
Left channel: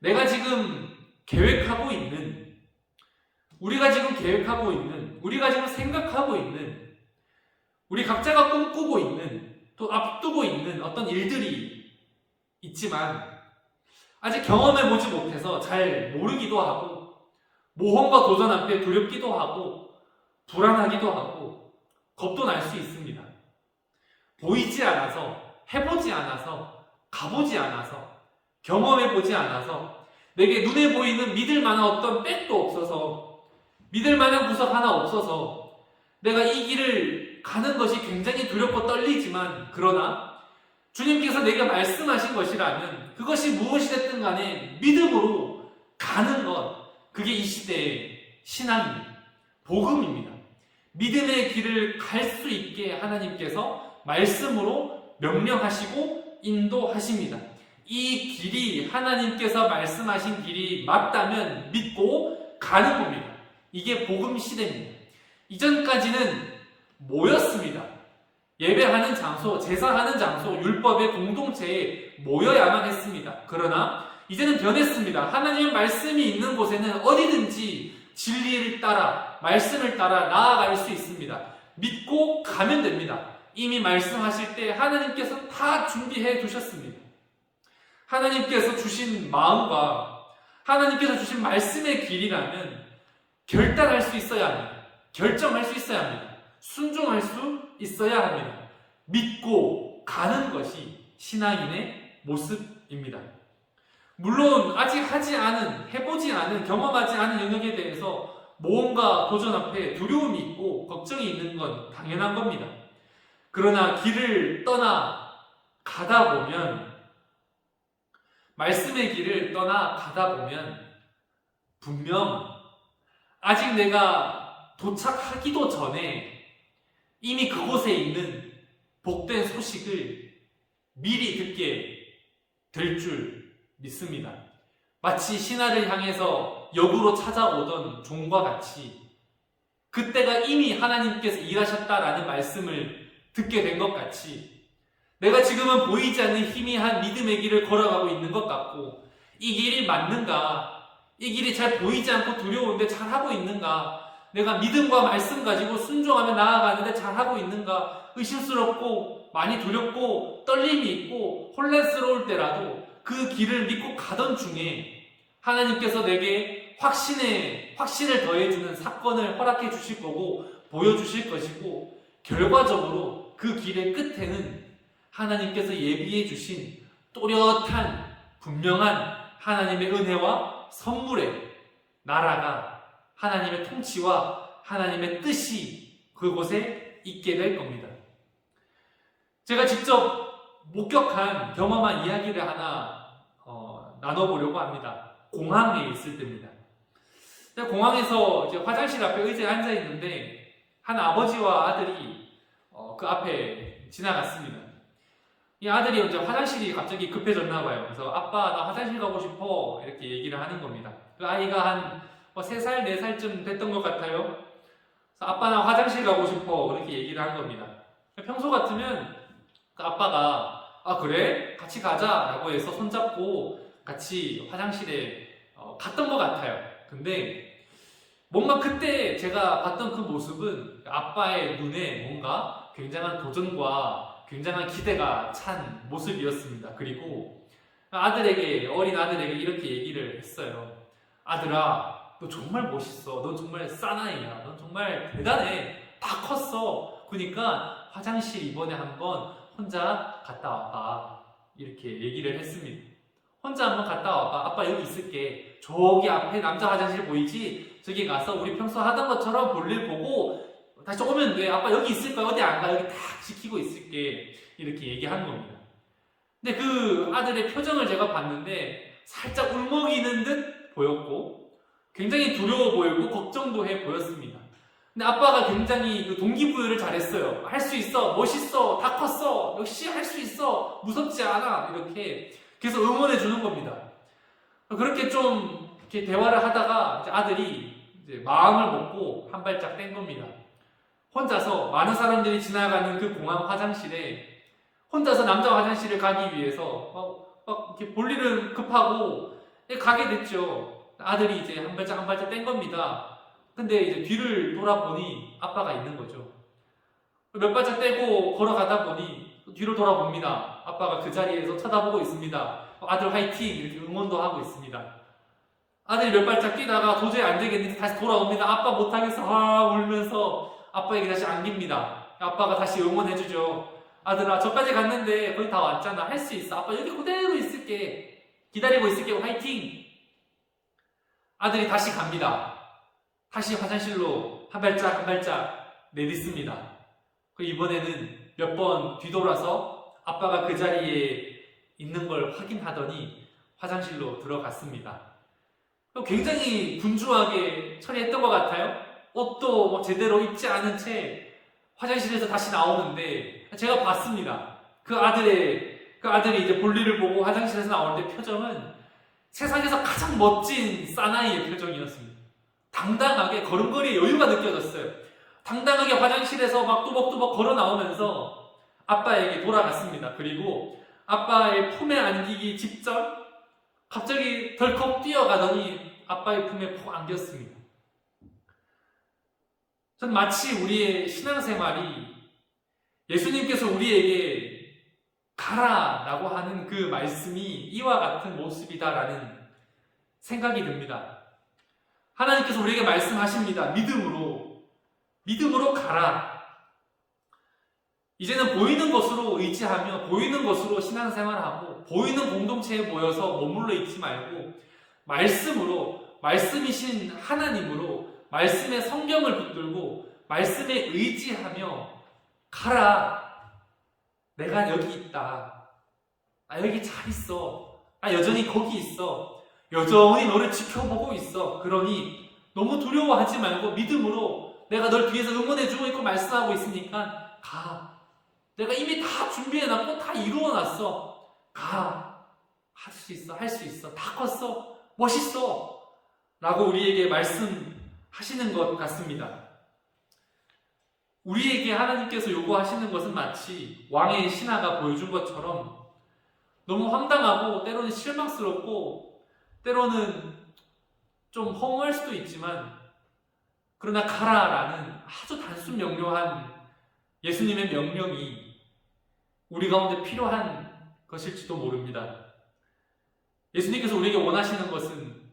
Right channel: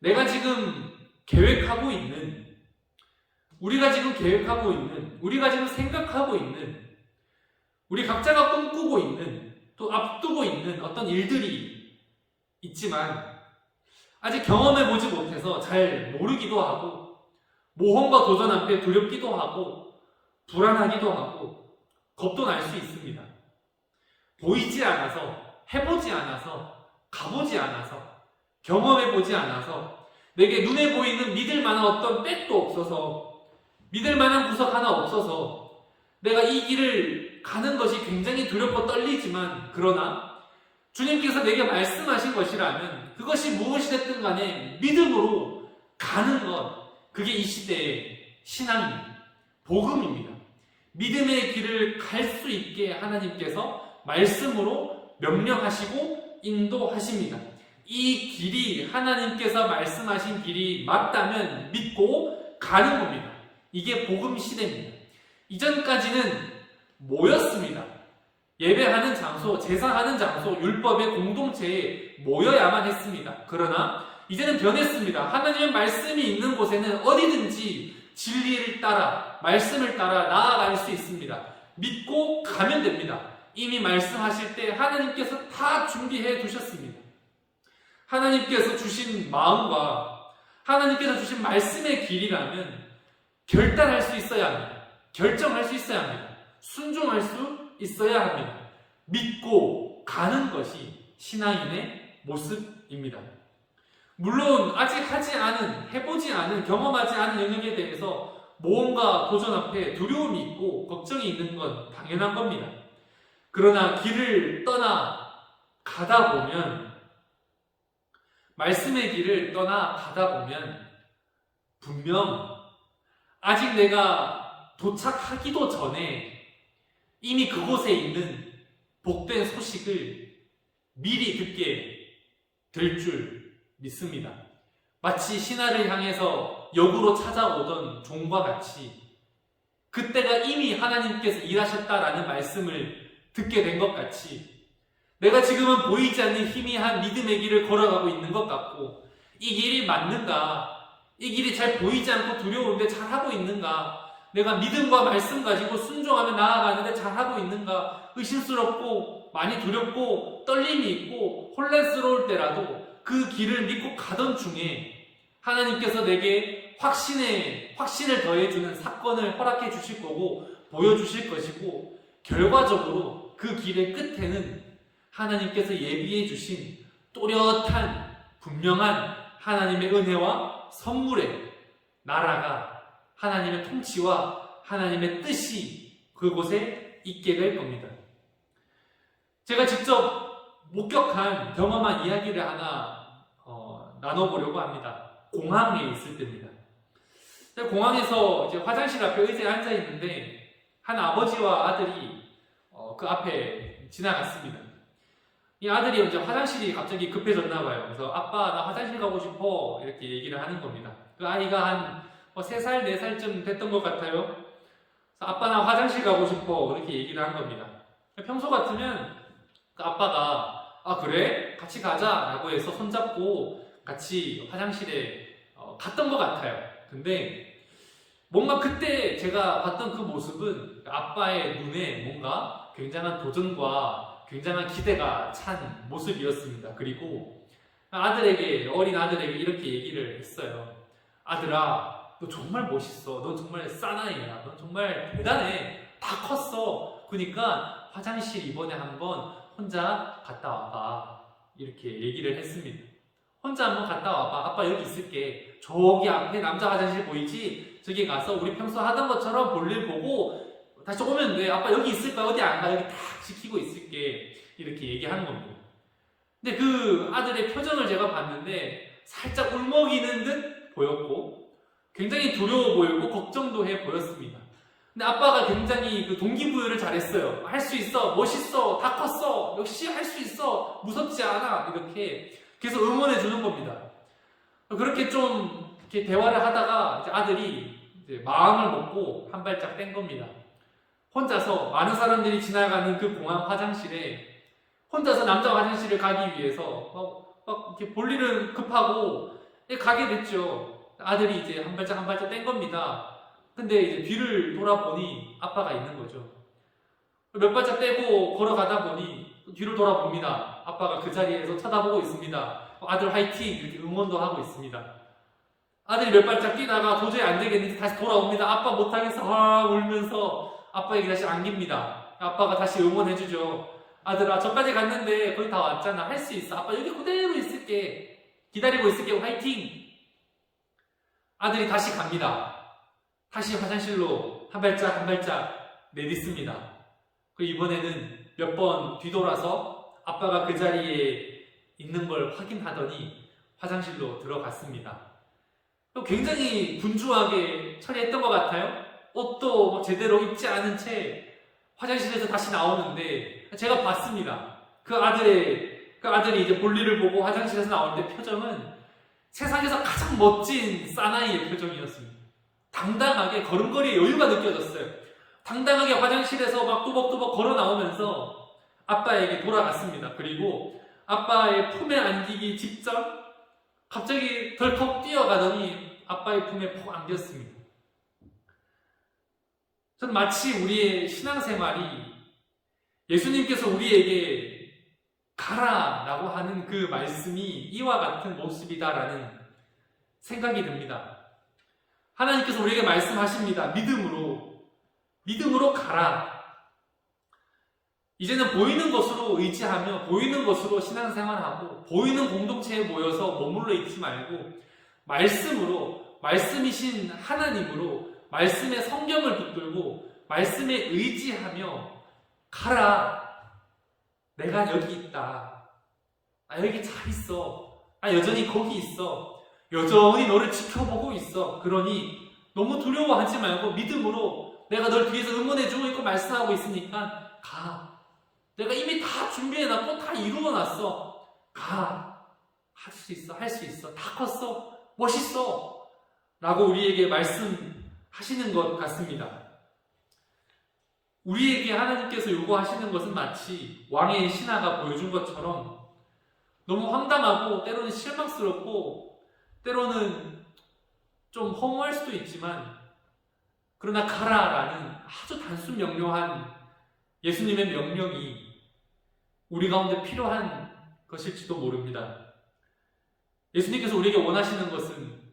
우리가 지금 계획하고 있는, 우리가 지금 생각하고 있는, 우리 각자가 꿈꾸고 있는, 또 앞두고 있는 어떤 일들이 있지만 아직 경험해보지 못해서 잘 모르기도 하고, 모험과 도전 앞에 두렵기도 하고, 불안하기도 하고, 겁도 날 수 있습니다. 보이지 않아서, 해보지 않아서, 가보지 않아서, 경험해보지 않아서, 내게 눈에 보이는 믿을 만한 어떤 백도 없어서, 믿을 만한 구석 하나 없어서, 내가 이 길을 가는 것이 굉장히 두렵고 떨리지만, 그러나 주님께서 내게 말씀하신 것이라면 그것이 무엇이 됐든 간에 믿음으로 가는 것, 그게 이 시대의 신앙입니다. 복음입니다. 믿음의 길을 갈 수 있게 하나님께서 말씀으로 명령하시고 인도하십니다. 이 길이 하나님께서 말씀하신 길이 맞다면 믿고 가는 겁니다. 이게 복음 시대입니다. 이전까지는 모였습니다. 예배하는 장소, 제사하는 장소, 율법의 공동체에 모여야만 했습니다. 그러나 이제는 변했습니다. 하나님의 말씀이 있는 곳에는 어디든지 진리를 따라, 말씀을 따라 나아갈 수 있습니다. 믿고 가면 됩니다. 이미 말씀하실 때 하나님께서 다 준비해 두셨습니다. 하나님께서 주신 마음과 하나님께서 주신 말씀의 길이라면 결단할 수 있어야 합니다. 결정할 수 있어야 합니다. 순종할 수 있어야 합니다. 믿고 가는 것이 신앙인의 모습입니다. 물론 아직 하지 않은, 해보지 않은, 경험하지 않은 영역에 대해서 모험과 도전 앞에 두려움이 있고 걱정이 있는 건 당연한 겁니다. 그러나 길을 떠나 가다 보면, 말씀의 길을 떠나 가다 보면 분명 아직 내가 도착하기도 전에 이미 그곳에 있는 복된 소식을 미리 듣게 될 줄 믿습니다. 마치 신하를 향해서 역으로 찾아오던 종과 같이 그때가 이미 하나님께서 일하셨다라는 말씀을 듣게 된 것 같이 내가 지금은 보이지 않는 희미한 믿음의 길을 걸어가고 있는 것 같고, 이 길이 맞는가? 이 길이 잘 보이지 않고 두려운데 잘하고 있는가? 내가 믿음과 말씀 가지고 순종하며 나아가는데 잘하고 있는가? 의심스럽고 많이 두렵고 떨림이 있고 혼란스러울 때라도 그 길을 믿고 가던 중에 하나님께서 내게 확신을 더해주는 사건을 허락해 주실 거고 보여주실 것이고, 결과적으로 그 길의 끝에는 하나님께서 예비해 주신 또렷한 분명한 하나님의 은혜와 선물의 나라가, 하나님의 통치와 하나님의 뜻이 그곳에 있게 될 겁니다. 제가 직접 목격한, 경험한 이야기를 하나 나눠보려고 합니다. 공항에 있을 때입니다. 공항에서 이제 화장실 앞에 의자에 앉아 있는데 한 아버지와 아들이 그 앞에 지나갔습니다. 이 아들이 이제 화장실이 갑자기 급해졌나 봐요. 그래서 아빠 나 화장실 가고 싶어 이렇게 얘기를 하는 겁니다. 그 아이가 한 3살, 4살쯤 됐던 것 같아요. 그래서 아빠 나 화장실 가고 싶어 그렇게 얘기를 한 겁니다. 평소 같으면 그 아빠가 아 그래? 같이 가자 라고 해서 손잡고 같이 화장실에 갔던 것 같아요. 근데 뭔가 그때 제가 봤던 그 모습은 아빠의 눈에 뭔가 굉장한 도전과 굉장한 기대가 찬 모습이었습니다. 그리고 어린 아들에게 이렇게 얘기를 했어요. 아들아, 너 정말 멋있어. 넌 정말 사나이야. 넌 정말 대단해. 다 컸어. 그러니까 화장실 이번에 한번 혼자 갔다 와봐. 이렇게 얘기를 했습니다. 혼자 한번 갔다 와봐. 아빠 여기 있을게. 저기 앞에 남자 화장실 보이지? 저기 가서 우리 평소 하던 것처럼 볼일 보고 다시 오면 돼. 아빠 여기 있을 거야. 어디 안 가. 여기 딱 지키고 있을게. 이렇게 얘기하는 겁니다. 근데 그 아들의 표정을 제가 봤는데 살짝 울먹이는 듯 보였고 굉장히 두려워 보이고 걱정도 해 보였습니다. 근데 아빠가 굉장히 그 동기부여를 잘했어요. 할 수 있어. 멋있어. 다 컸어. 역시 할 수 있어. 무섭지 않아. 이렇게 계속 응원해 주는 겁니다. 그렇게 좀 이렇게 대화를 하다가 이제 아들이 이제 마음을 먹고 한 발짝 뗀 겁니다. 혼자서 많은 사람들이 지나가는 그 공항 화장실에 혼자서 남자 화장실을 가기 위해서 막 이렇게 볼 일은 급하고 가게 됐죠. 아들이 이제 한 발짝 뗀 겁니다. 근데 이제 뒤를 돌아보니 아빠가 있는 거죠. 몇 발짝 떼고 걸어가다 보니 뒤를 돌아봅니다. 아빠가 그 자리에서 쳐다보고 있습니다. 아들 화이팅! 이렇게 응원도 하고 있습니다. 아들이 몇 발짝 뛰다가 도저히 안 되겠는지 다시 돌아옵니다. 아빠 못하겠어. 울면서 아빠에게 다시 안깁니다. 아빠가 다시 응원해주죠. 아들아, 저까지 갔는데 거의 다 왔잖아. 할 수 있어. 아빠 여기 그대로 있을게. 기다리고 있을게. 화이팅! 아들이 다시 갑니다. 다시 화장실로 한 발짝 내딛습니다. 이번에는 몇 번 뒤돌아서 아빠가 그 자리에 있는 걸 확인하더니 화장실로 들어갔습니다. 굉장히 분주하게 처리했던 것 같아요. 옷도 제대로 입지 않은 채 화장실에서 다시 나오는데 제가 봤습니다. 그 아들이 이제 볼일을 보고 화장실에서 나올 때 표정은 세상에서 가장 멋진 사나이의 표정이었습니다. 당당하게 걸음걸이에 여유가 느껴졌어요. 당당하게 화장실에서 막 또박또박 걸어 나오면서 아빠에게 돌아갔습니다. 그리고 아빠의 품에 안기기 직전 갑자기 덜컥 뛰어가더니 아빠의 품에 푹 안겼습니다. 전 마치 우리의 신앙생활이 예수님께서 우리에게 가라라고 하는 그 말씀이 이와 같은 모습이다라는 생각이 듭니다. 하나님께서 우리에게 말씀하십니다. 믿음으로 가라. 이제는 보이는 것으로 의지하며 보이는 것으로 신앙생활하고 보이는 공동체에 모여서 머물러 있지 말고 말씀이신 하나님으로 말씀의 성경을 붙들고 말씀에 의지하며 가라. 내가 여기 있다. 나 여기 잘 있어. 나 여전히 거기 있어. 여전히 너를 지켜보고 있어. 그러니 너무 두려워하지 말고 믿음으로 내가 널 뒤에서 응원해주고 있고 말씀하고 있으니까 가. 내가 이미 다 준비해놨고 다 이루어놨어. 가. 할 수 있어. 할 수 있어. 다 컸어. 멋있어. 라고 우리에게 말씀하시는 것 같습니다. 우리에게 하나님께서 요구하시는 것은 마치 왕의 신하가 보여준 것처럼 너무 황당하고 때로는 실망스럽고 때로는 좀 허무할 수도 있지만 그러나 가라라는 아주 단순 명료한 예수님의 명령이 우리 가운데 필요한 것일지도 모릅니다. 예수님께서 우리에게 원하시는 것은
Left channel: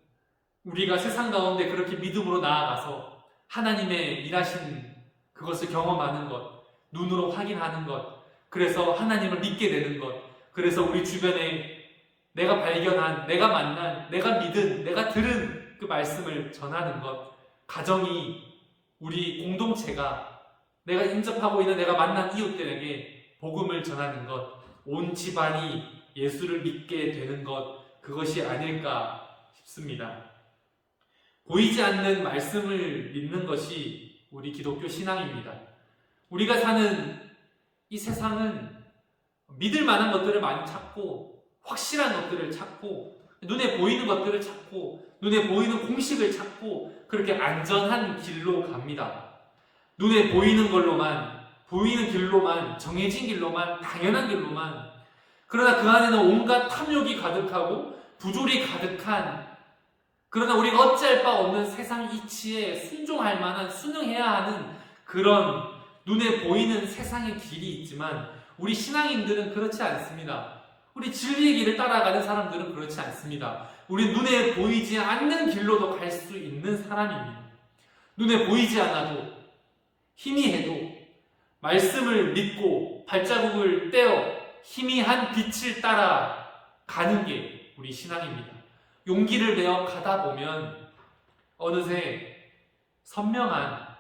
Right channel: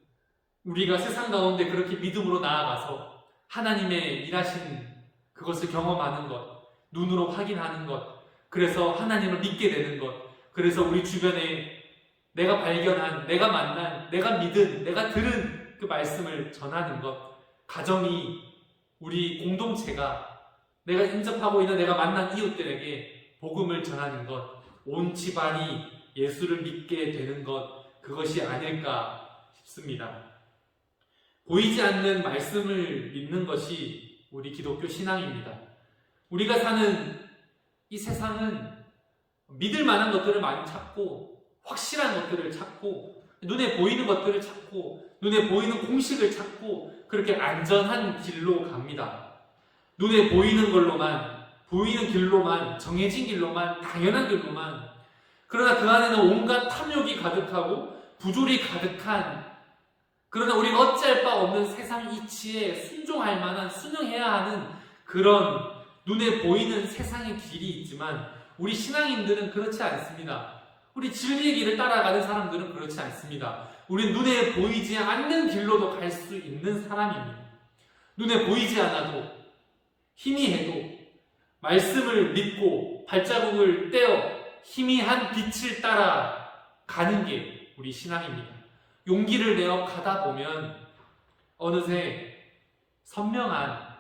우리가 세상 가운데 그렇게 믿음으로 나아가서 하나님의 일하신 그것을 경험하는 것, 눈으로 확인하는 것, 그래서 하나님을 믿게 되는 것, 그래서 우리 주변에 내가 발견한, 내가 만난, 내가 믿은, 내가 들은 그 말씀을 전하는 것, 가정이, 우리 공동체가, 내가 인접하고 있는 내가 만난 이웃들에게 복음을 전하는 것, 온 집안이 예수를 믿게 되는 것, 그것이 아닐까 싶습니다. 보이지 않는 말씀을 믿는 것이 우리 기독교 신앙입니다. 우리가 사는 이 세상은 믿을 만한 것들을 많이 찾고 확실한 것들을 찾고 눈에 보이는 것들을 찾고 눈에 보이는 공식을 찾고 그렇게 안전한 길로 갑니다. 눈에 보이는 걸로만, 보이는 길로만, 정해진 길로만, 당연한 길로만. 그러나 그 안에는 온갖 탐욕이 가득하고 부조리 가득한, 그러나 우리가 어찌할 바 없는 세상 이치에 순종할 만한, 순응해야 하는 그런 눈에 보이는 세상의 길이 있지만 우리 신앙인들은 그렇지 않습니다. 우리 진리의 길을 따라가는 사람들은 그렇지 않습니다. 우리 눈에 보이지 않는 길로도 갈 수 있는 사람입니다. 눈에 보이지 않아도 희미해도 말씀을 믿고 발자국을 떼어 희미한 빛을 따라 가는 게 우리 신앙입니다. 용기를 내어 가다 보면 어느새 선명한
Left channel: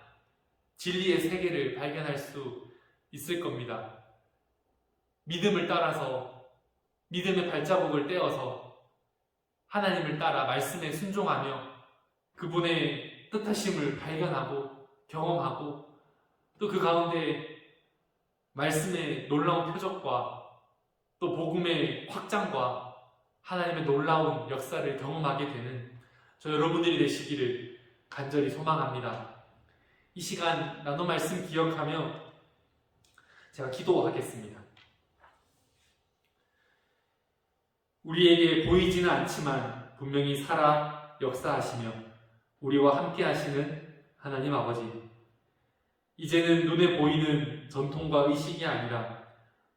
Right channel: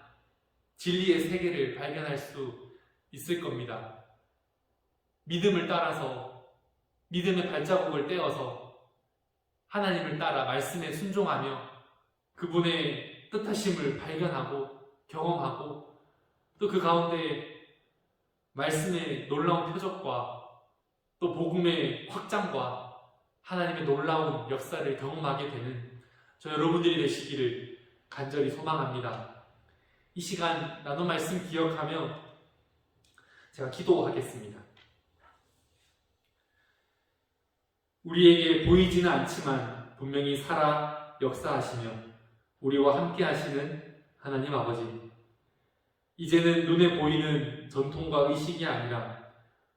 진리의 세계를 발견할 수 있을 겁니다. 믿음을 따라서, 믿음의 발자국을 떼어서 하나님을 따라 말씀에 순종하며 그분의 뜻하심을 발견하고 경험하고 또 그 가운데 말씀의 놀라운 표적과 또 복음의 확장과 하나님의 놀라운 역사를 경험하게 되는 저 여러분들이 되시기를 간절히 소망합니다. 이 시간 나눈 말씀 기억하며 제가 기도하겠습니다. 우리에게 보이지는 않지만 분명히 살아 역사하시며 우리와 함께 하시는 하나님 아버지, 이제는 눈에 보이는 전통과 의식이 아니라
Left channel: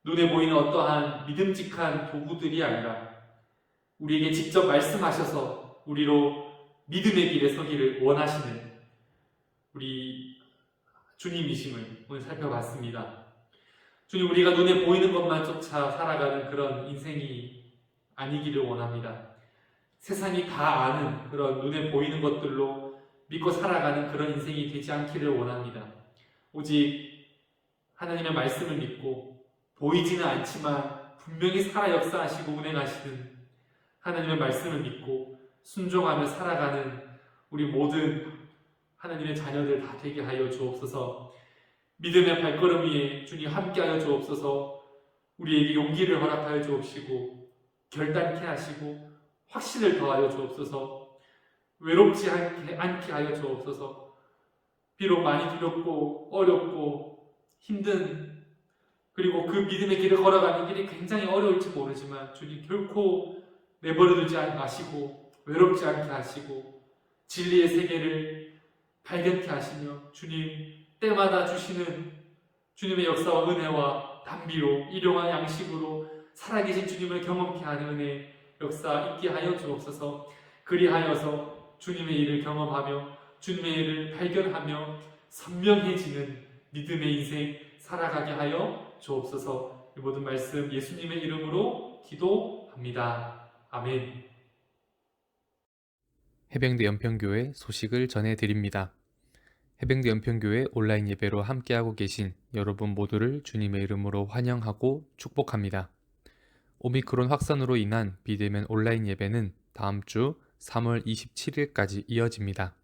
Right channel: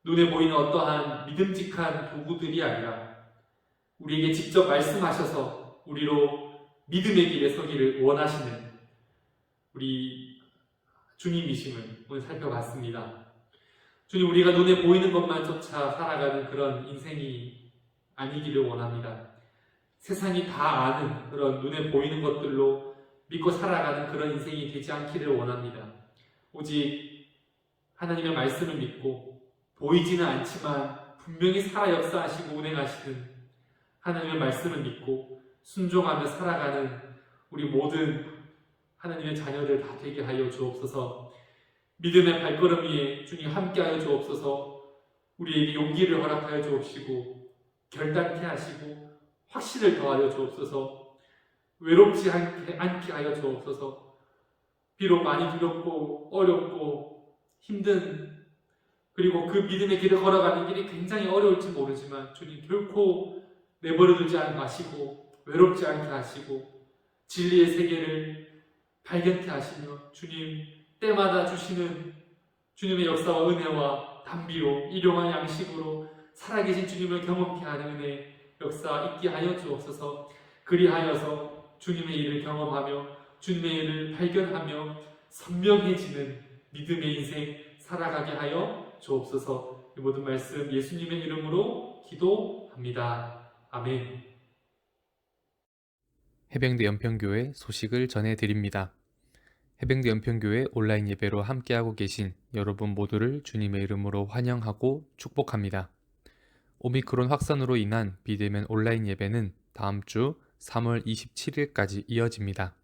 눈에 보이는 어떠한 믿음직한 도구들이 아니라 우리에게 직접 말씀하셔서 우리로 믿음의 길에 서기를 원하시는 우리 주님이심을 오늘 살펴봤습니다. 주님, 우리가 눈에 보이는 것만 쫓아 살아가는 그런 인생이 아니기를 원합니다. 세상이 다 아는 그런 눈에 보이는 것들로 믿고 살아가는 그런 인생이 되지 않기를 원합니다. 오직 하나님의 말씀을 믿고 보이지는 않지만 분명히 살아 역사하시고 운행하시는 하나님의 말씀을 믿고 순종하며 살아가는 우리 모든 하나님의 자녀들 다 되게 하여 주옵소서. 믿음의 발걸음 위에 주님 함께하여 주옵소서. 우리에게 용기를 허락하여 주옵시고 결단케 하시고 확신을 더하여 주옵소서. 외롭지 않게 하여 주옵소서. 비록 많이 두렵고 어렵고 힘든, 그리고 그 믿음의 길을 걸어가는 길이 굉장히 어려울지 모르지만 주님 결코 내버려두지 마시고 외롭지 않게 하시고 진리의 세계를 발견케 하시며 주님 때마다 주시는 주님의 역사와 은혜와 단비로 일용할 양식으로 살아계신 주님을 경험케 하는 은혜 역사 있게 하여 주옵소서. 그리하여서 주님의 일을 경험하며 주님의 일을 발견하며 선명해지는 믿음의 인생 살아가게 하여 주옵소서. 이 모든 말씀 예수님의 이름으로 기도합니다. 아멘. 해병대 연평교회 소식을 전해드립니다. 해병대 연평교회 온라인 예배로 함께하고 계신 여러분 모두를 주님의 이름으로 환영하고 축복합니다. 오미크론 확산으로 인한 비대면 온라인 예배는 다음 주 3월 27일까지 이어집니다.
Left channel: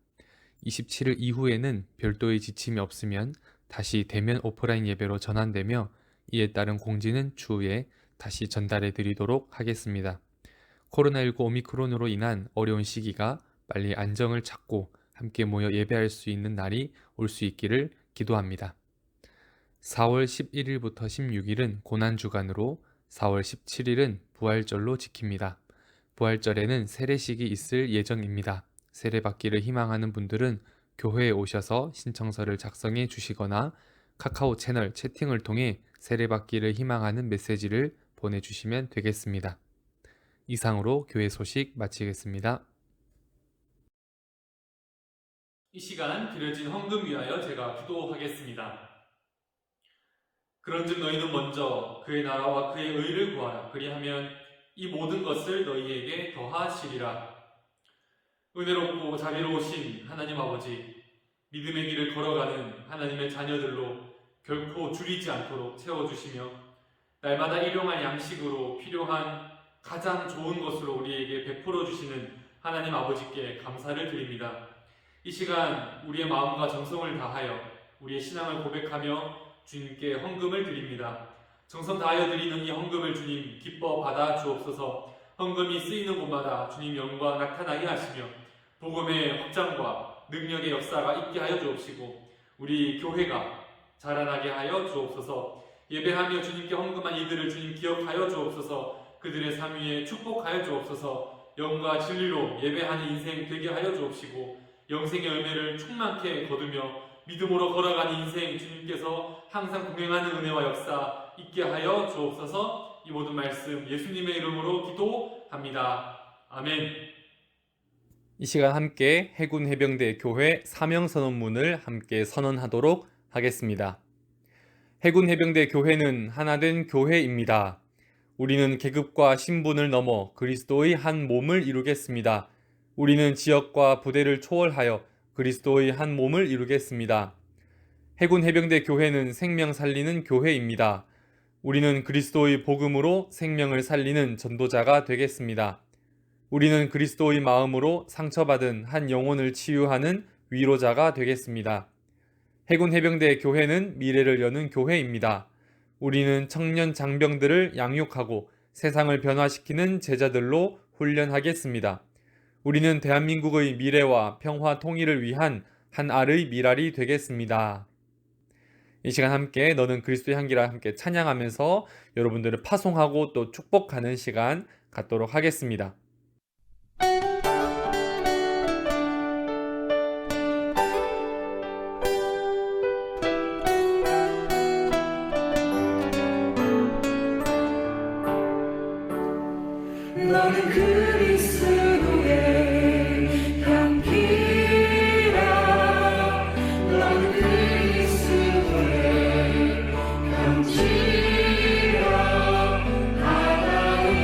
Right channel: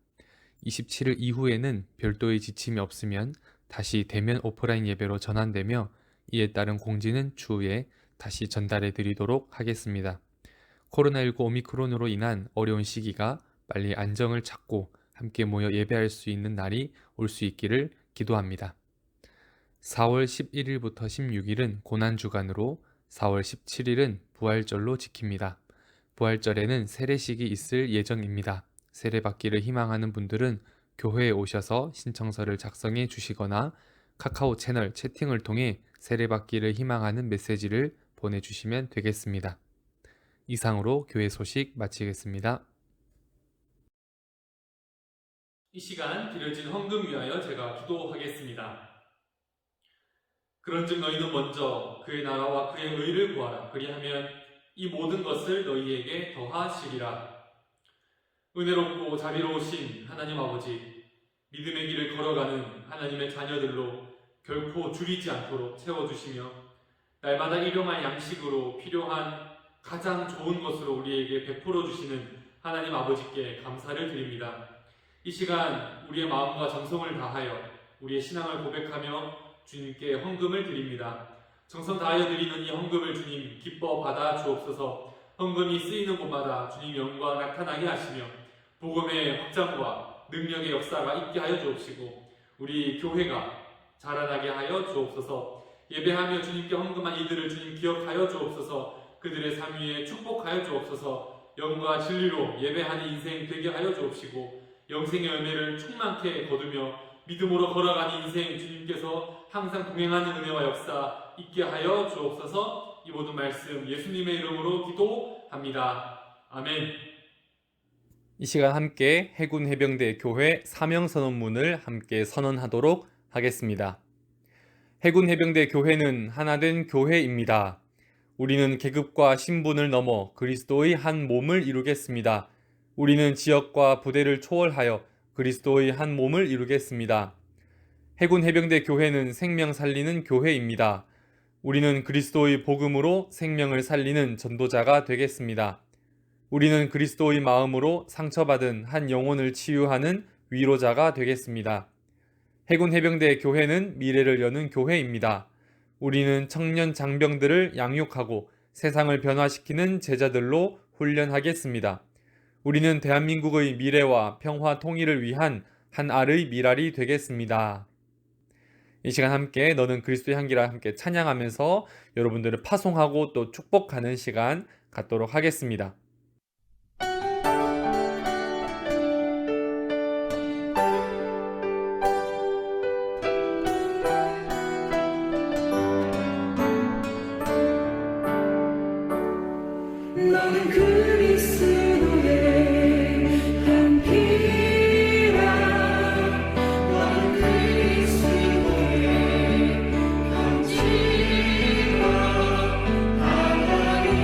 27일 이후에는 별도의 지침이 없으면 다시 대면 오프라인 예배로 전환되며 이에 따른 공지는 추후에 다시 전달해 드리도록 하겠습니다. 코로나19 오미크론으로 인한 어려운 시기가 빨리 안정을 찾고 함께 모여 예배할 수 있는 날이 올 수 있기를 기도합니다. 4월 11일부터 16일은 고난주간으로 4월 17일은 부활절로 지킵니다. 부활절에는 세례식이 있을 예정입니다. 세례받기를 희망하는 분들은 교회에 오셔서 신청서를 작성해 주시거나 카카오 채널 채팅을 통해 세례받기를 희망하는 메시지를 보내주시면 되겠습니다. 이상으로 교회 소식 마치겠습니다. 이 시간 드려진 헌금 위하여 제가 기도하겠습니다. 그런즉 너희는 먼저 그의 나라와 그의 의를 구하라. 그리하면 이 모든 것을 너희에게 더하시리라. 은혜롭고 자비로우신 하나님 아버지, 믿음의 길을 걸어가는 하나님의 자녀들로 결코 줄이지 않도록 채워주시며 날마다 일용할 양식으로 필요한 가장 좋은 것으로 우리에게 베풀어 주시는 하나님 아버지께 감사를 드립니다. 이 시간 우리의 마음과 정성을 다하여 우리의 신앙을 고백하며 주님께 헌금을 드립니다. 정성 다하여 드리는 이 헌금을 주님 기뻐 받아 주옵소서. 헌금이 쓰이는 곳마다 주님 영광 나타나게 하시며 복음의 확장과 능력의 역사가 있게 하여 주옵시고 우리 교회가 자라나게 하여 주옵소서. 예배하며 주님께 헌금한 이들을 주님 기억하여 주옵소서. 그들의 삶 위에 축복하여 주옵소서. 영과 진리로 예배하는 인생 되게 하여 주옵시고 영생의 열매를 충만케 거두며 믿음으로 걸어가는 인생 주님께서 항상 동행하는 은혜와 역사 있게 하여 주옵소서. 이 모든 말씀 예수님의 이름으로 기도합니다. 아멘. 이 시간 함께 해군 해병대 교회 사명 선언문을 함께 선언하도록 하겠습니다. 해군 해병대 교회는 하나된 교회입니다. 우리는 계급과 신분을 넘어 그리스도의 한 몸을 이루겠습니다. 우리는 지역과 부대를 초월하여 그리스도의 한 몸을 이루겠습니다. 해군 해병대 교회는 생명 살리는 교회입니다. 우리는 그리스도의 복음으로 생명을 살리는 전도자가 되겠습니다. 우리는 그리스도의 마음으로 상처받은 한 영혼을 치유하는 위로자가 되겠습니다. 해군 해병대 교회는 미래를 여는 교회입니다. 우리는 청년 장병들을 양육하고 세상을 변화시키는 제자들로 훈련하겠습니다. 우리는 대한민국의 미래와 평화 통일을 위한 한 알의 미랄이 되겠습니다. 이 시간 함께 너는 그리스도의 향기라 함께 찬양하면서 여러분들을 파송하고 또 축복하는 시간 갖도록 하겠습니다. 너는 그리스도의 향기라 너는 그리스도의 향기라 하나님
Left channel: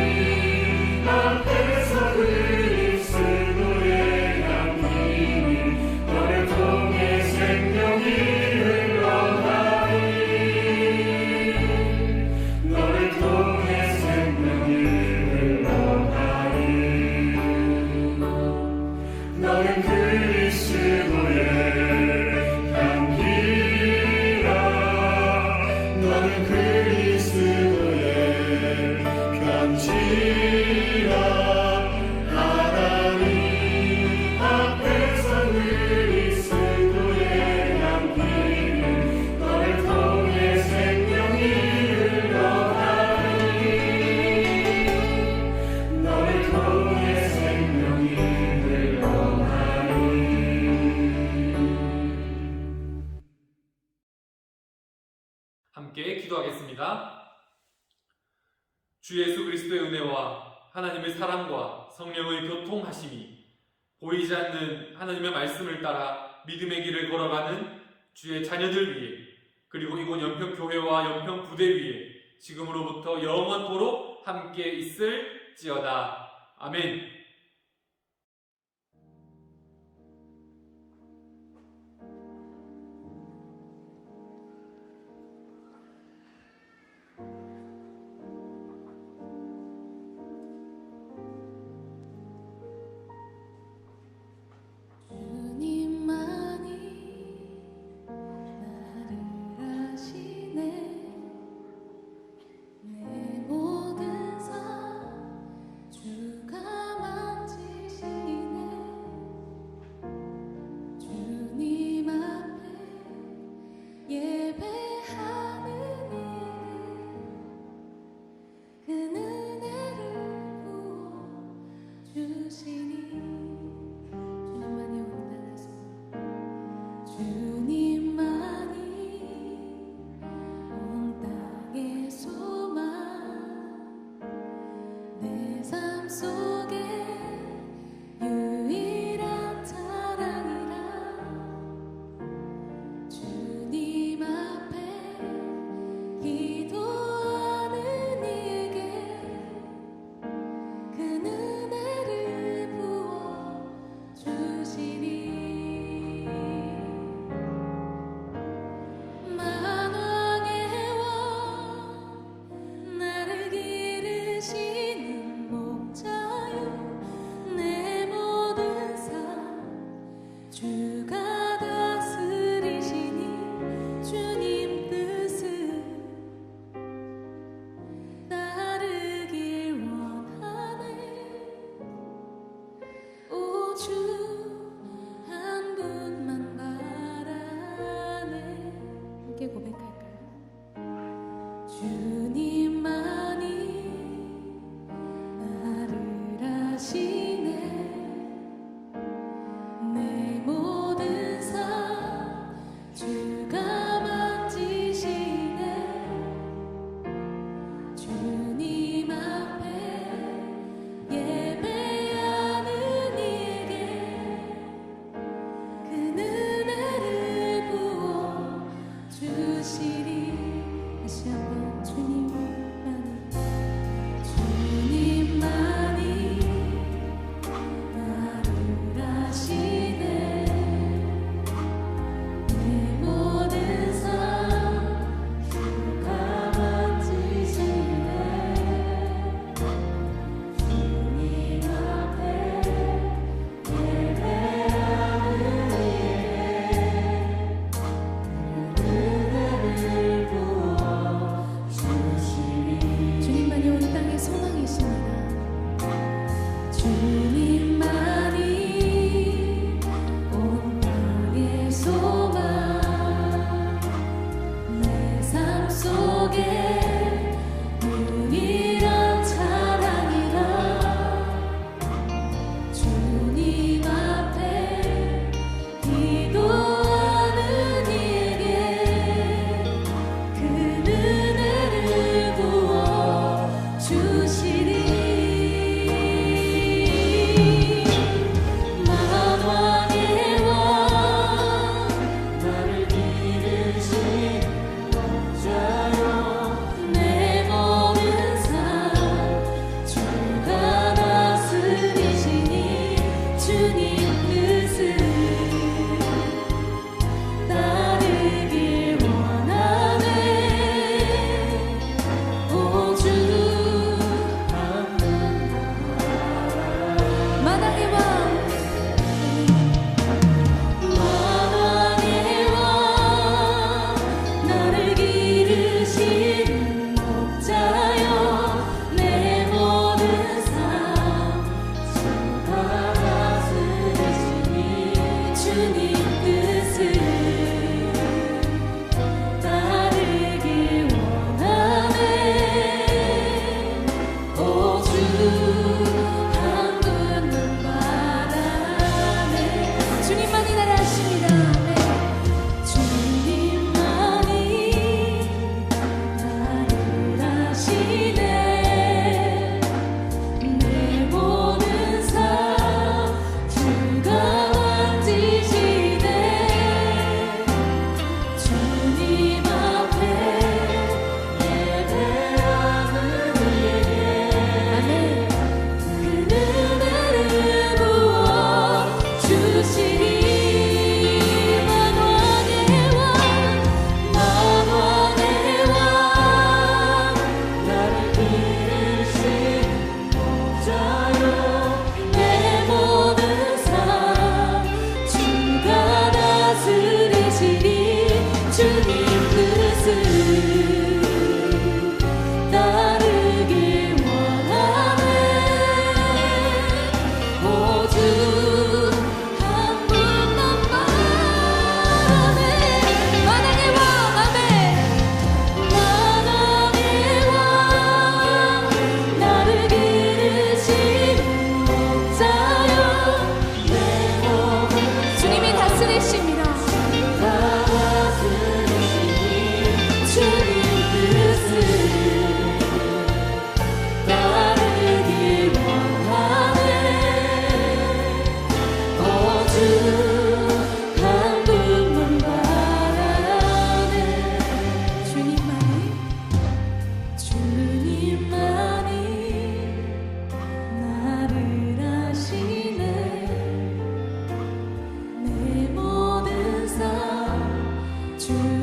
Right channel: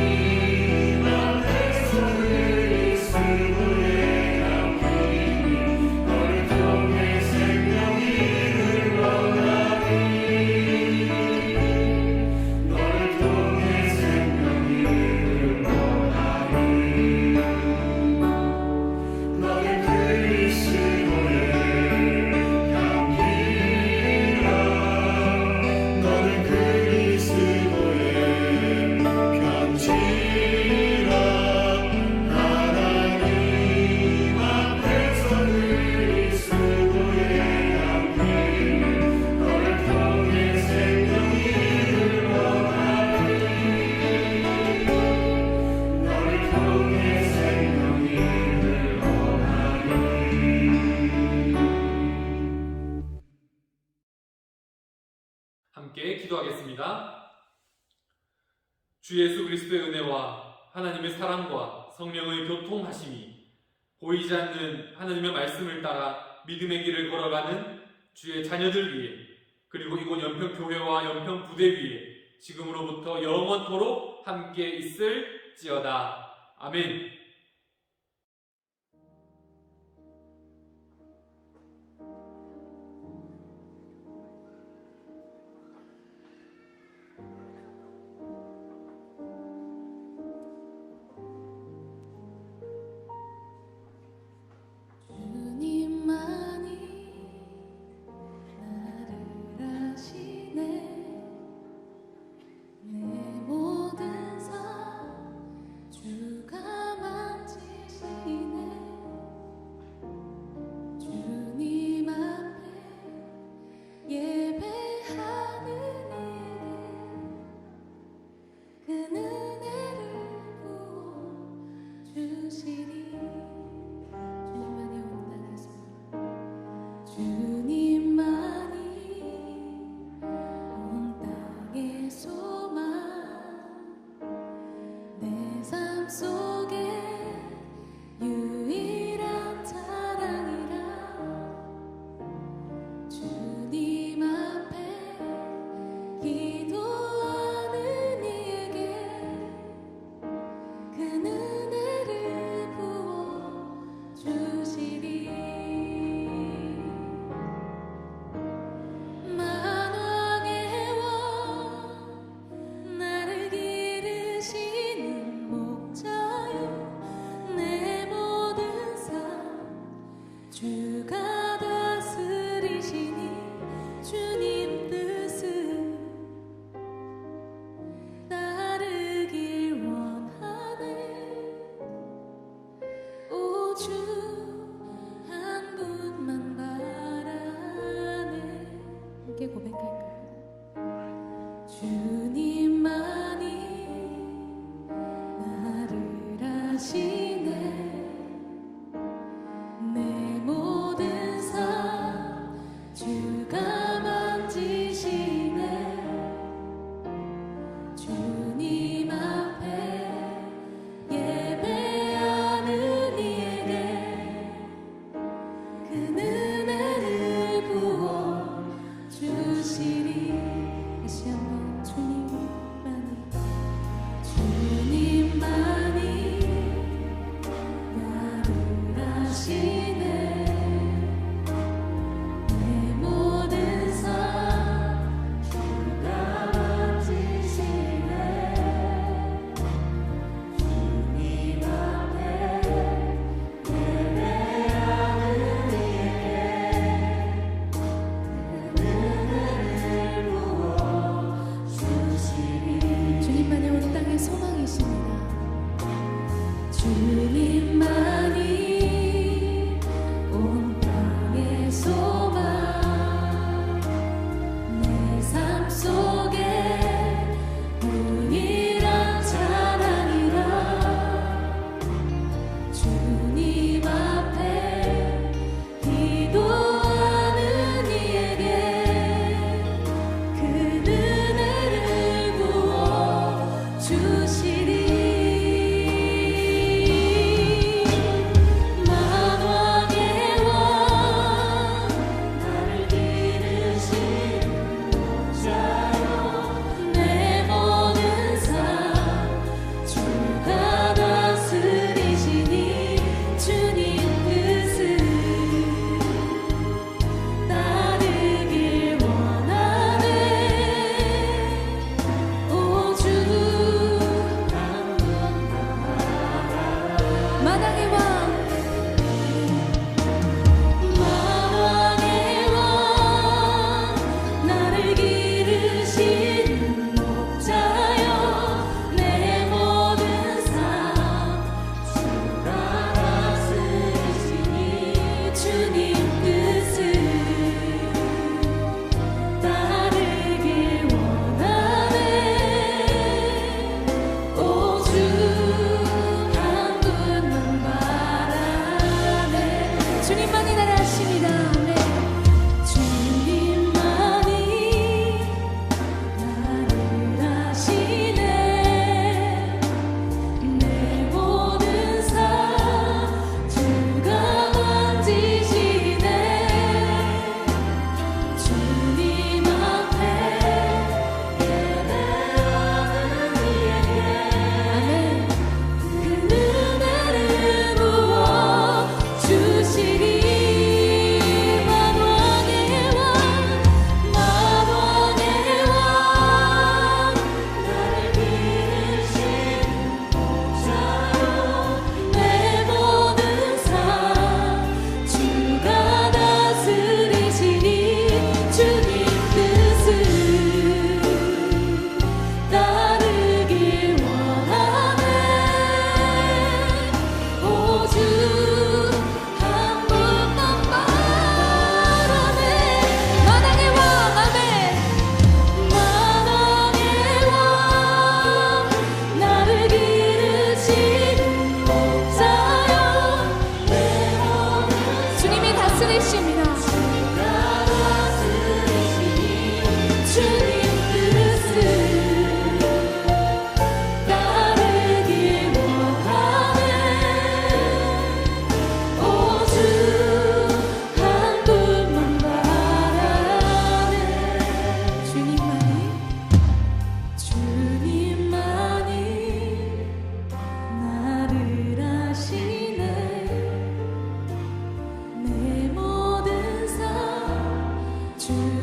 앞에서 그리스도의 향기니 너를 통해 생명이 흘러가니 너를 통해 생명이 너는 그리스도의 향기라 너는 그리스도의 편지라 하나님 앞에서 그리스도의 향기니 너를 통해 생명이 흘러가니 너를 통해 생명이 함께 기도하겠습니다. 주 예수 그리스도의 은혜와 하나님의 사랑과 성령의 교통하심이 보이지 않는 하나님의 말씀을 따라 믿음의 길을 걸어가는 주의 자녀들 위해 그리고 이곳 연평교회와 연평부대 위에 지금으로부터 영원토록 함께 있을지어다. 아멘. 주님만이 나를 아시네 내 모든 삶 주가 만지시네 주님 앞에 예배하는 이에게 그 은혜를 부어주시니 주님만이 온 땅에서 주님만이 온 땅의 소망 내 삶 속에 유일한 사랑이라 주님 앞에 기도하는 이에게 그 은혜를 부어주시리 만왕의 왕 나를 기르시는 목자요 내 모든 삶 주가 다스리시니 주님 뜻을 따르길 원하네 오 주 한 분만 바라네 함께 고백할까요? 주님만이 나를 아시네 내 모든 삶 주가 만지시네 주님 앞에 예배하는 이에게 그 은혜를 부어주시리 다시 한번 주님 주